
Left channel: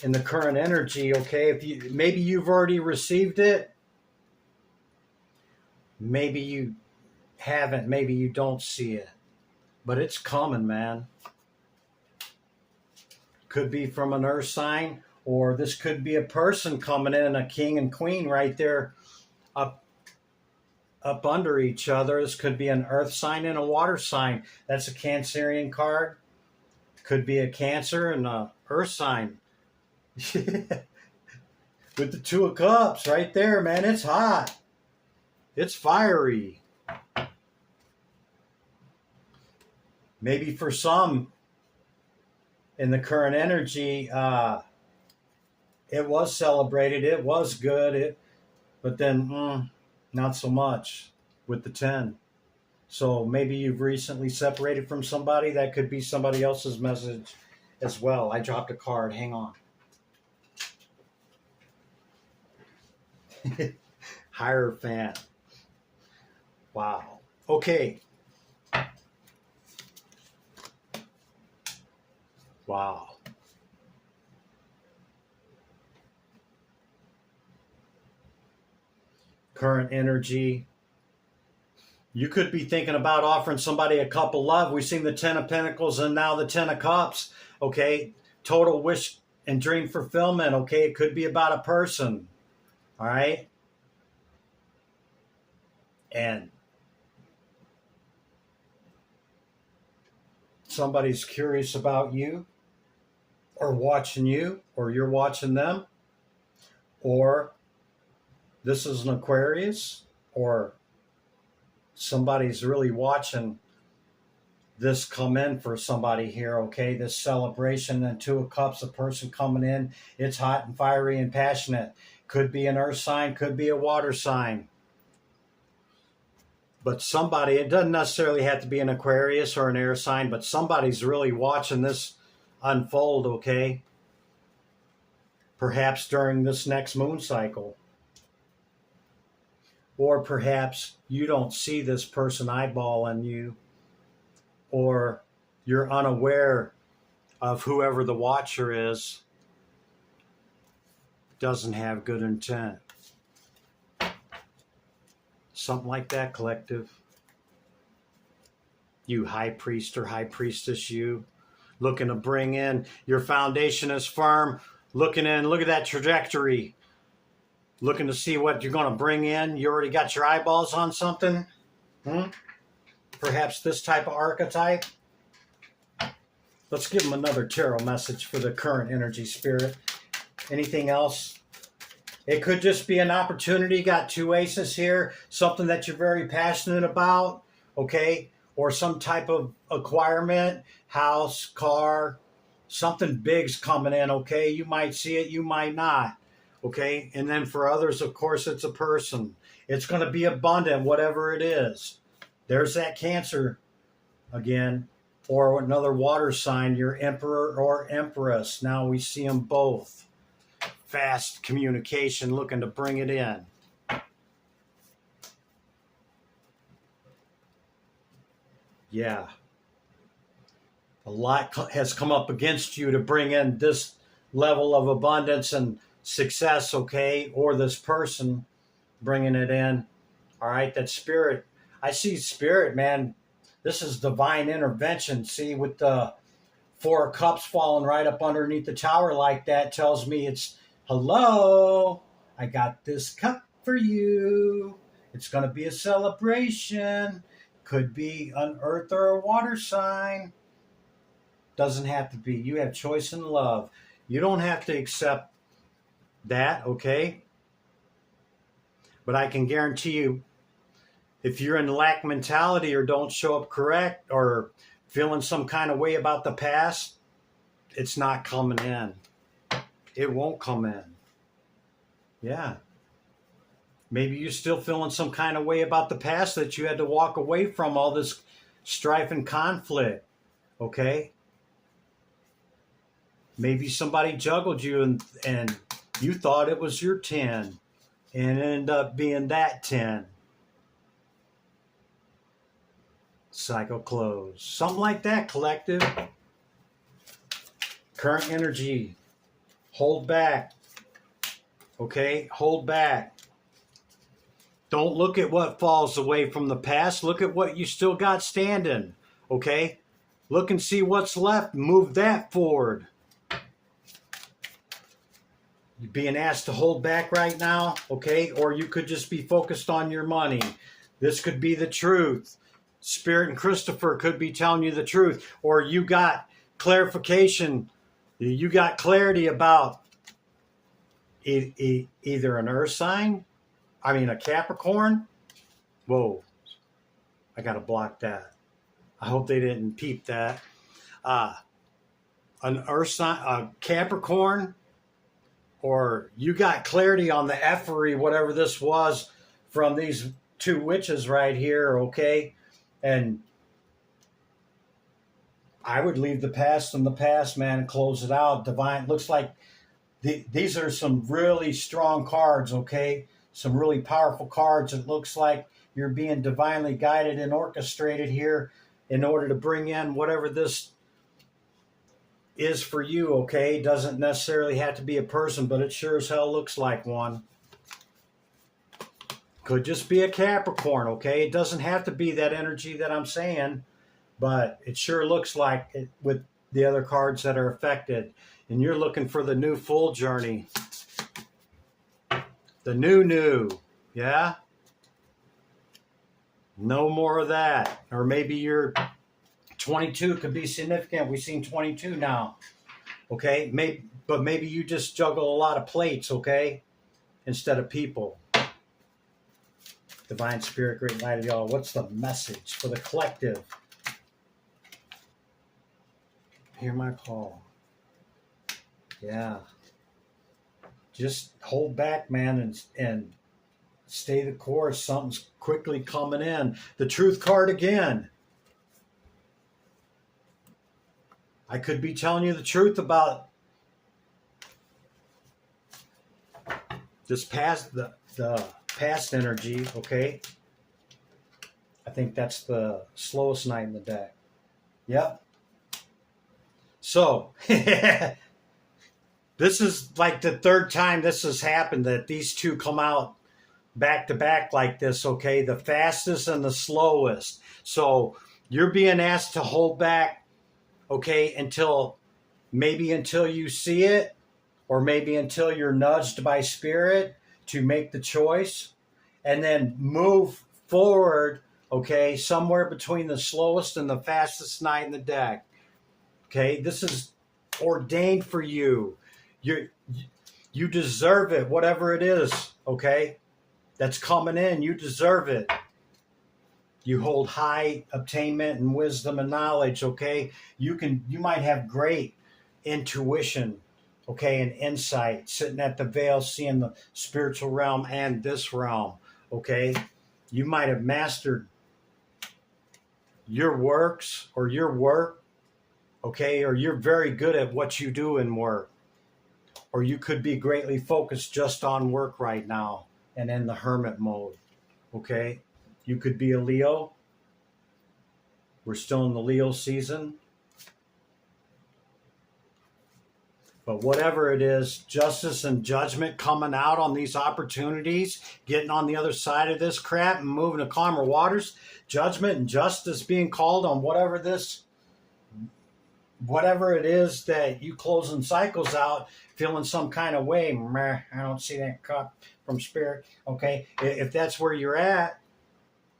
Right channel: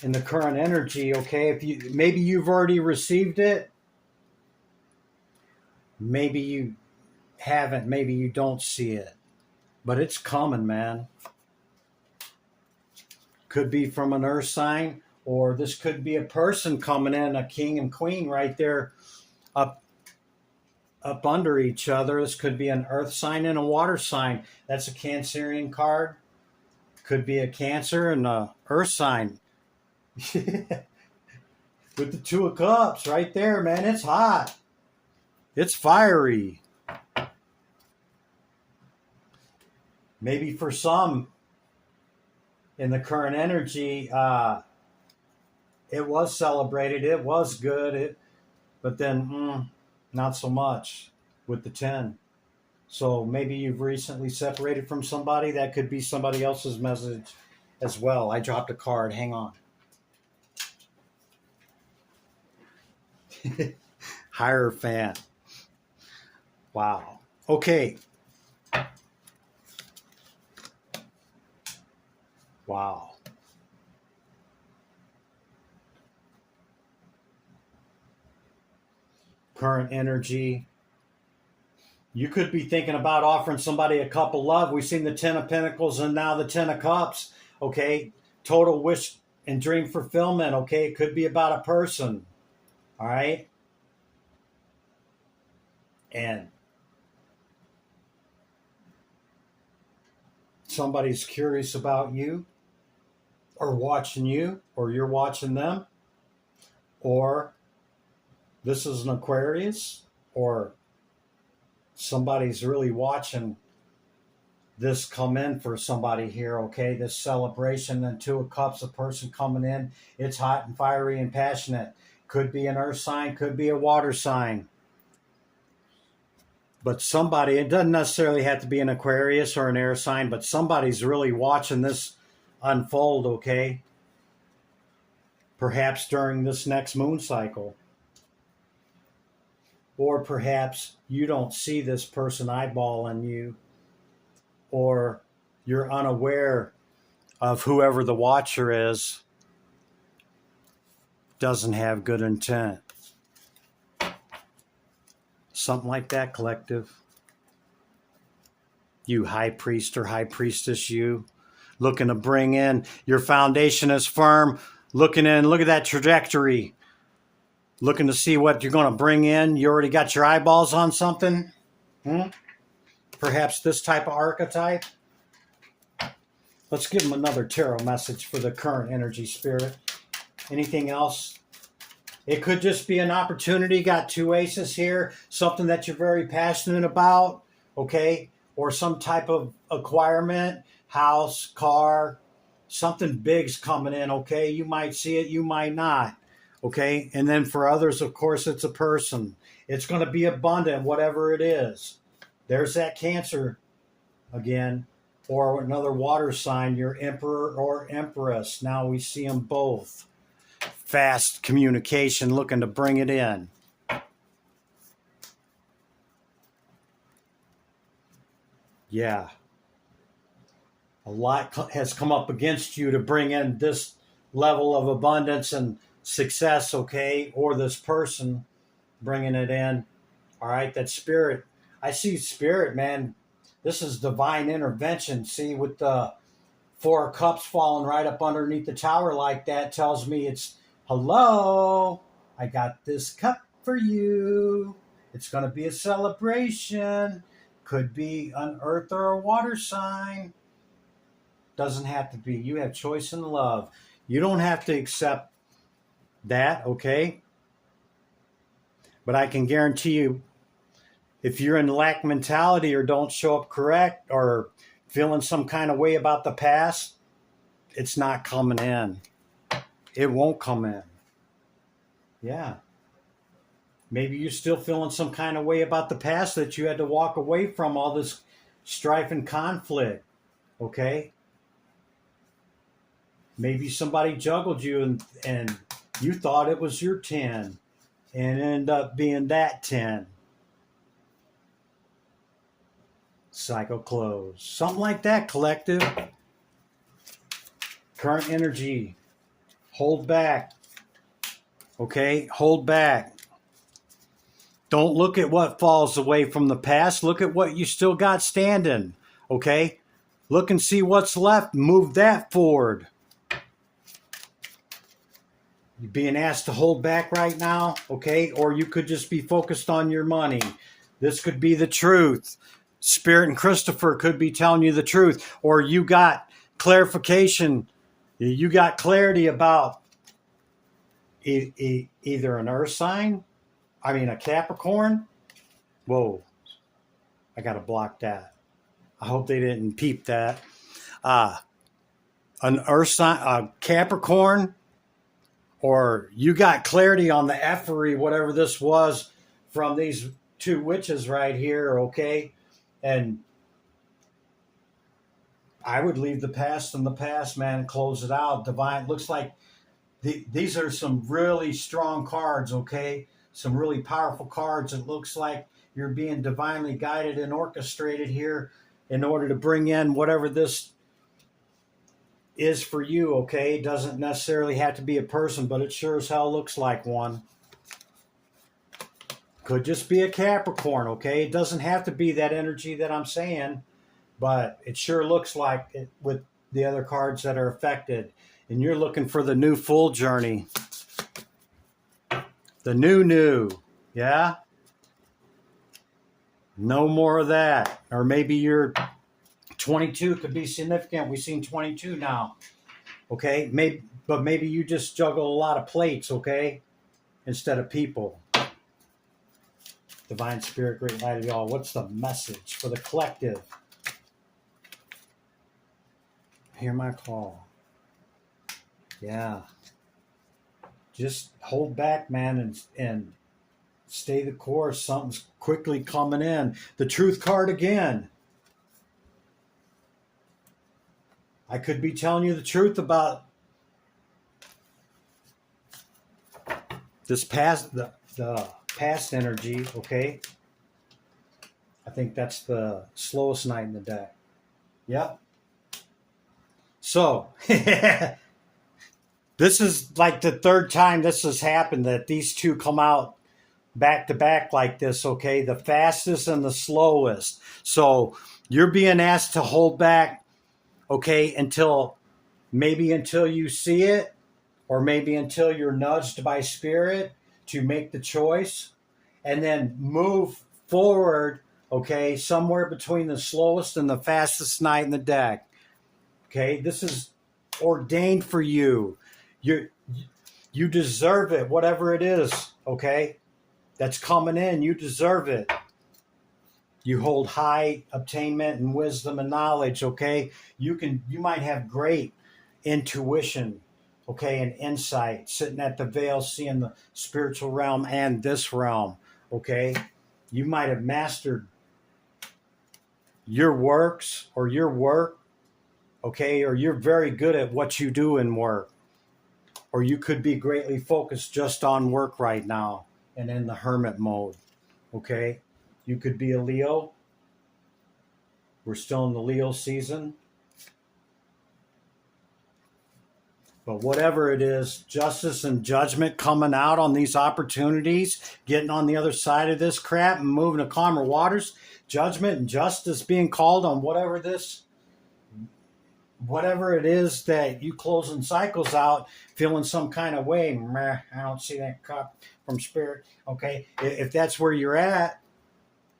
in the current energy, okay? If you maybe you've already received it, maybe you haven't, maybe you don't see it, but it's coming, man. Could be from an earth sign, or this could be a person coming in, a king and queen right there up under each other. This could be an earth sign and a water sign. That's a Cancerian card. Could be a Cancer and a earth sign. With the Two of Cups right there, man. It's hot. It's fiery. Maybe for some, in the current energy, it was celebrated. It was good. But then not so much with the 10. So maybe you've recently separated from somebody. That could be somebody else's message as well. I dropped a card. Hang on. Hierophant. Wow. Okay. Wow. Current energy. You could be thinking about offering somebody a cup of love. We've seen the 10 of Pentacles and now the 10 of Cups. Okay. Total wish and dream fulfillment. Okay. It could be about a person. All right. And somebody's curious about you or watching you, or you're watching them, or this is an Aquarius, or somebody's really watching this come in for somebody here, okay? This celebration and 2 of Cups, a person coming in. It's hot and fiery and passionate. Could be an earth sign, could be a water sign. But somebody, it doesn't necessarily have to be an Aquarius or an air sign, but somebody's really watching this unfold, okay? Perhaps during this next moon cycle. Or perhaps you don't see this person eyeballing you, or you're unaware of whoever the watcher is doesn't have good intent. Something like that, collective. You high priest or high priestess, you looking to bring in, your foundation is firm, looking in, look at that trajectory, looking to see what you're going to bring in. You already got your eyeballs on something. Perhaps this type of archetype. Let's give them another tarot message for the current energy, Spirit. Anything else? It could just be an opportunity. Got 2 aces here. Something that you're very passionate about, okay? Or some type of acquirement, house, car, something big's coming in, okay? You might see it, you might not, okay? And then for others, of course, it's a person. It's going to be abundant, whatever it is. There's that Cancer again, or another water sign, your Emperor or Empress. Now we see them both. Fast communication, looking to bring it in. Yeah. A lot has come up against you to bring in this level of abundance and success, okay? Or this person bringing it in. All right, that Spirit. I see Spirit, man. This is divine intervention. See, with the 4 of Cups falling right up underneath the tower like that tells me it's, hello, I got this cup for you. It's going to be a celebration. Could be an earth or a water sign. Doesn't have to be. You have choice in love. You don't have to accept that, okay? But I can guarantee you, if you're in lack mentality or don't show up correct or feeling some kind of way about the past, it's not coming in. It won't come in. Yeah. Maybe you're still feeling some kind of way about the past that you had to walk away from all this strife and conflict. Okay? Maybe somebody juggled you and you thought it was your 10 and it ended up being that 10. Cycle close. Something like that, collective. Current energy. Hold back. Okay? Hold back. Don't look at what falls away from the past. Look at what you still got standing. Okay? Look and see what's left. Move that forward. You're being asked to hold back right now. Okay? Or you could just be focused on your money. This could be the truth. Spirit and Christopher could be telling you the truth. Or you got clarification. You got clarity about either an earth sign, a Capricorn. Whoa, I got to block that. I hope they didn't peep that. an earth sign, a Capricorn, or you got clarity on the effery, whatever this was, from these two witches right here, okay? And I would leave the past in the past, man, and close it out. Divine, looks like these are some really strong cards, okay? Some really powerful cards. It looks like you're being divinely guided and orchestrated here in order to bring in whatever this is for you, okay? Doesn't necessarily have to be a person, but it sure as hell looks like one. Could just be a Capricorn, okay? It doesn't have to be that energy that I'm saying, but it sure looks like it with the other cards that are affected. And you're looking for the new full journey. The new, yeah? No more of that. Or maybe you're 22 could be significant. We've seen 22 now, okay? But maybe you just juggle a lot of plates, okay? Instead of people. Divine Spirit, great light of y'all. What's the message for the collective? Hear my call. Yeah. Just hold back, man, and stay the course. Something's quickly coming in. The Truth card again. I could be telling you the truth about this past, the past energy, okay? I think that's the slowest night in the deck. Yep. So, this is like the third time this has happened that these two come out back to back like this, okay? The fastest and the slowest. So, you're being asked to hold back, okay, until you see it, or maybe until you're nudged by spirit to make the choice, and then move forward, okay, somewhere between the slowest and the fastest night in the deck. Okay, this is ordained for you. You deserve it, whatever it is, okay, that's coming in. You deserve it. You hold high attainment and wisdom and knowledge, okay? You might have great intuition, okay, and insight, sitting at the veil, seeing the spiritual realm and this realm, okay? You might have mastered your works or your work, okay, or you're very good at what you do in work, or you could be greatly focused just on work right now and in the hermit mode, okay? You could be a Leo. We're still in the Leo season. But whatever it is, justice and judgment coming out on these opportunities, getting on the other side of this crap and moving to calmer waters, judgment and justice being called on whatever it is that you closing cycles out, feeling some kind of way. Meh, I don't see that cup from spirit. Okay, if that's where you're at,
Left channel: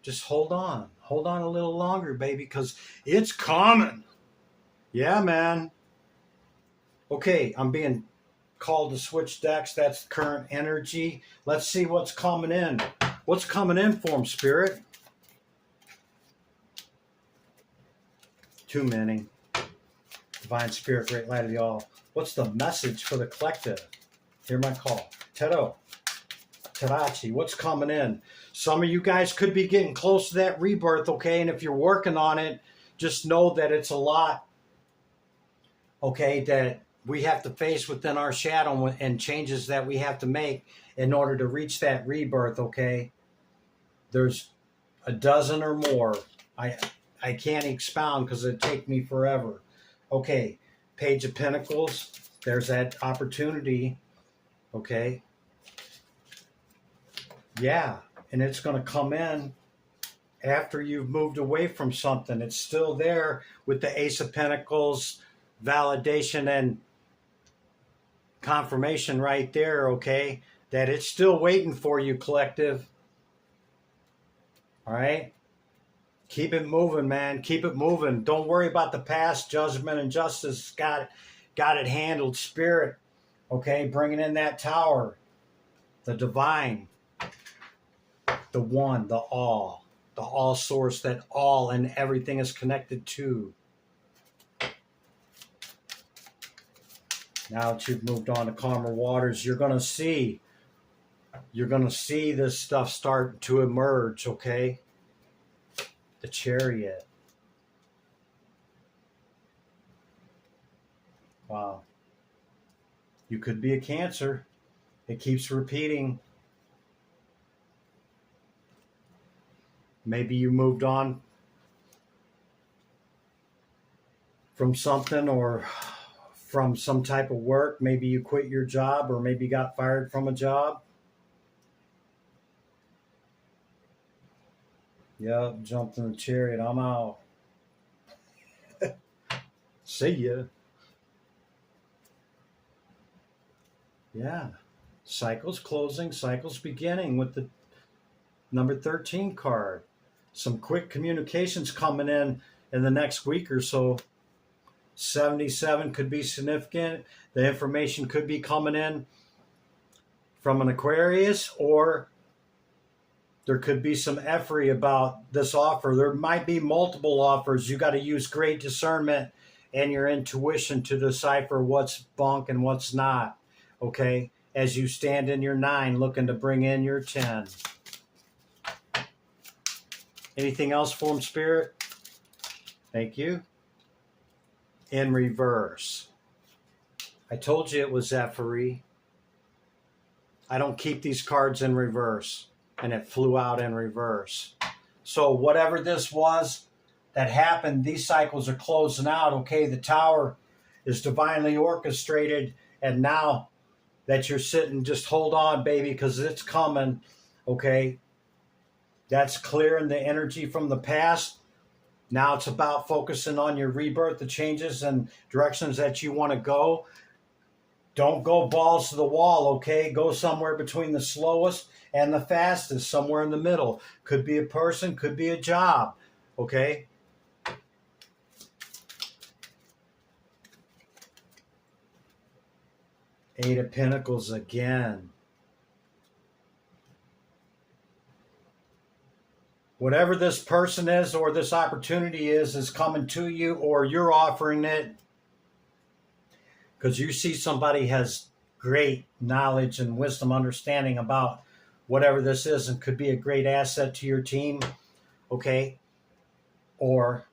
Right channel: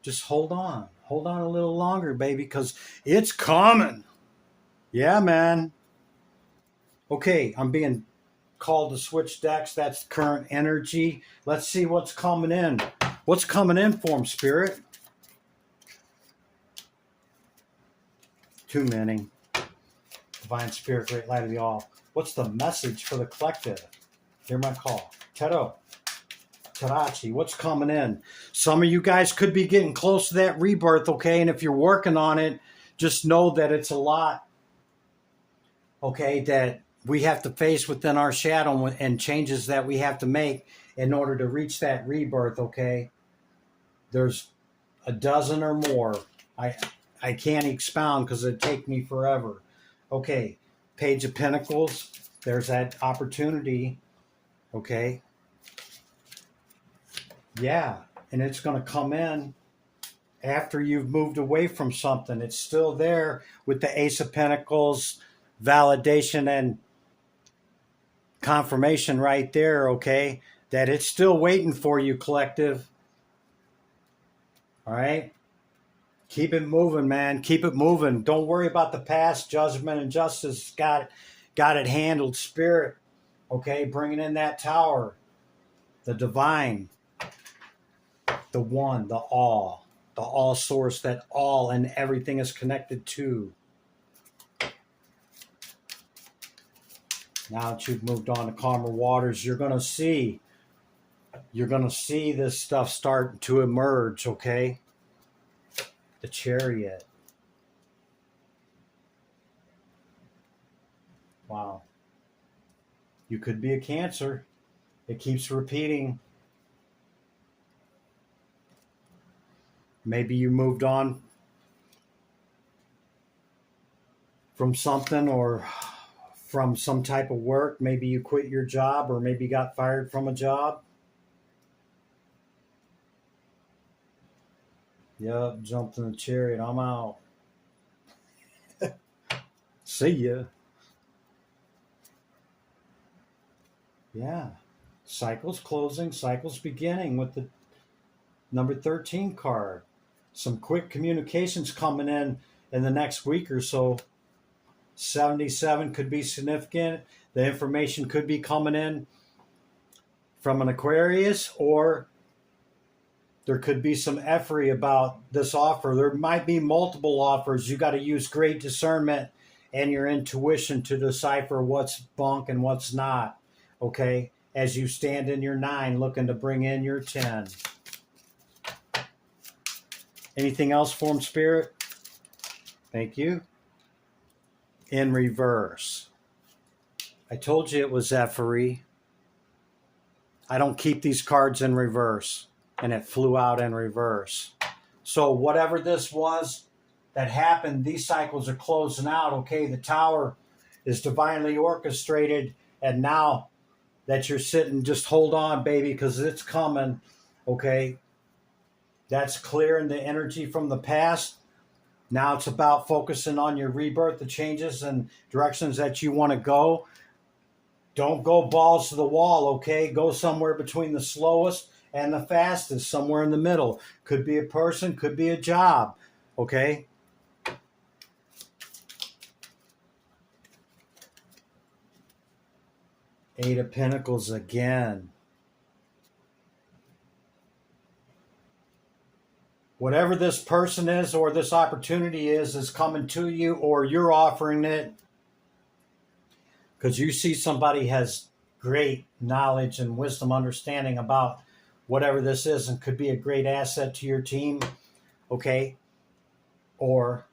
just hold on a little longer, baby, because it's coming. Yeah, man. Okay, I'm being called to switch decks. That's current energy. Let's see what's coming in. What's coming in for him, Spirit? Too many. Divine Spirit, great light of the all. What's the message for the collective? Hear my call. Teto. Tarachi, what's coming in? Some of you guys could be getting close to that rebirth, okay? And if you're working on it, just know that it's a lot, okay, that we have to face within our shadow and changes that we have to make in order to reach that rebirth, okay? There's a dozen or more. I can't expound because it'd take me forever. Okay, Page of Pentacles. There's that opportunity, okay? Yeah, and it's going to come in after you've moved away from something. It's still there with the Ace of Pentacles, validation and confirmation right there, okay? That it's still waiting for you, collective. All right? Keep it moving, man. Keep it moving. Don't worry about the past. Judgment and justice got it handled. Spirit, okay? Bringing in that tower. The divine. The one, the all source that all and everything is connected to. Now that you've moved on to calmer waters, you're going to see this stuff start to emerge, okay? The Chariot. Wow. You could be a Cancer. It keeps repeating. Maybe you moved on from something or from some type of work. Maybe you quit your job, or maybe you got fired from a job. Yep, jumped in the Chariot. I'm out. See ya. Yeah. Cycles closing, cycles beginning with the number 13 card. Some quick communications coming in the next week or so. 77 could be significant. The information could be coming in from an Aquarius, or there could be some effery about this offer. There might be multiple offers. You got to use great discernment and your intuition to decipher what's bunk and what's not, okay? As you stand in your 9 looking to bring in your 10. Anything else, Form Spirit? Thank you. In reverse. I told you it was effery. I don't keep these cards in reverse, and it flew out in reverse. So whatever this was that happened, these cycles are closing out, okay? The Tower is divinely orchestrated, and now that you're sitting, just hold on, baby, because it's coming, okay? That's clearing the energy from the past. Now it's about focusing on your rebirth, the changes and directions that you want to go. Don't go balls to the wall, okay? Go somewhere between the slowest and the fastest, somewhere in the middle. Could be a person, could be a job, okay? Eight of Pentacles again. Whatever this person is or this opportunity is coming to you, or you're offering it, because you see somebody has great knowledge and wisdom, understanding about whatever this is, and could be a great asset to your team, okay? Or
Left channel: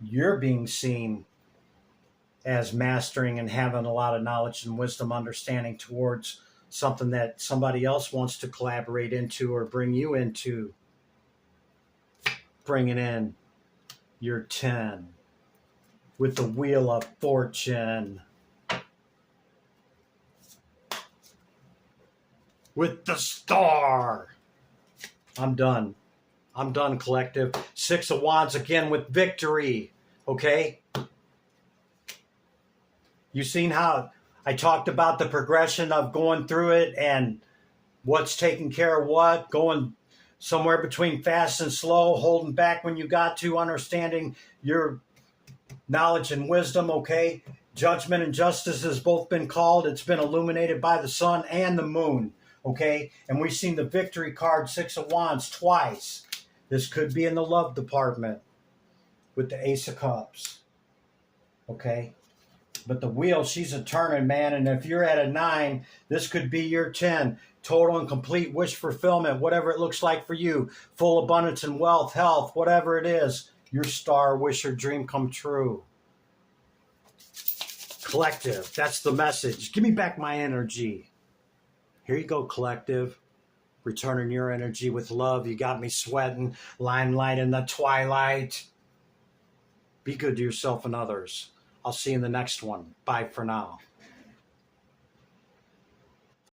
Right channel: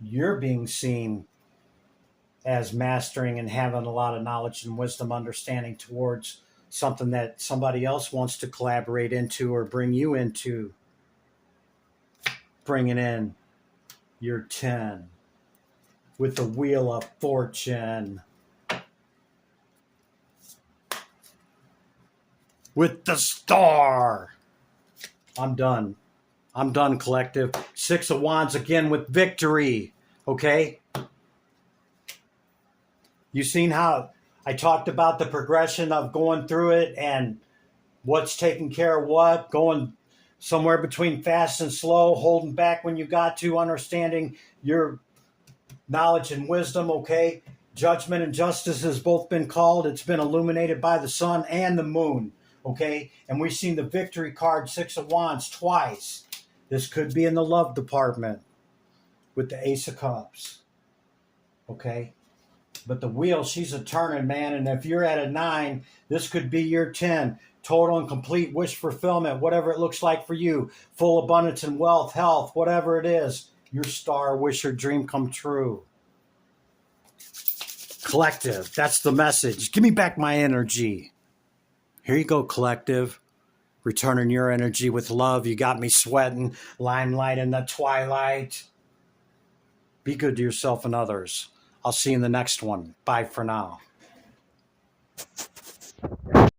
you're being seen as mastering and having a lot of knowledge and wisdom, understanding towards something that somebody else wants to collaborate into or bring you into. Bringing in your 10 with the Wheel of Fortune. With the Star. I'm done. I'm done, collective. 6 of Wands again with victory. Okay? You seen how I talked about the progression of going through it and what's taking care of what, going somewhere between fast and slow, holding back when you got to, understanding your knowledge and wisdom, okay? Judgment and justice has both been called. It's been illuminated by the sun and the moon, okay? And we've seen the victory card, 6 of Wands, twice. This could be in the love department with the Ace of Cups, okay? But the wheel, she's a turning, man. And if you're at a 9, this could be your 10. Total and complete wish fulfillment, whatever it looks like for you. Full abundance and wealth, health, whatever it is. Your star, wish your dream come true. Collective, that's the message. Give me back my energy. Here you go, collective. Returning your energy with love. You got me sweating. Limelight in the twilight. Be good to yourself and others. I'll see you in the next one. Bye for now.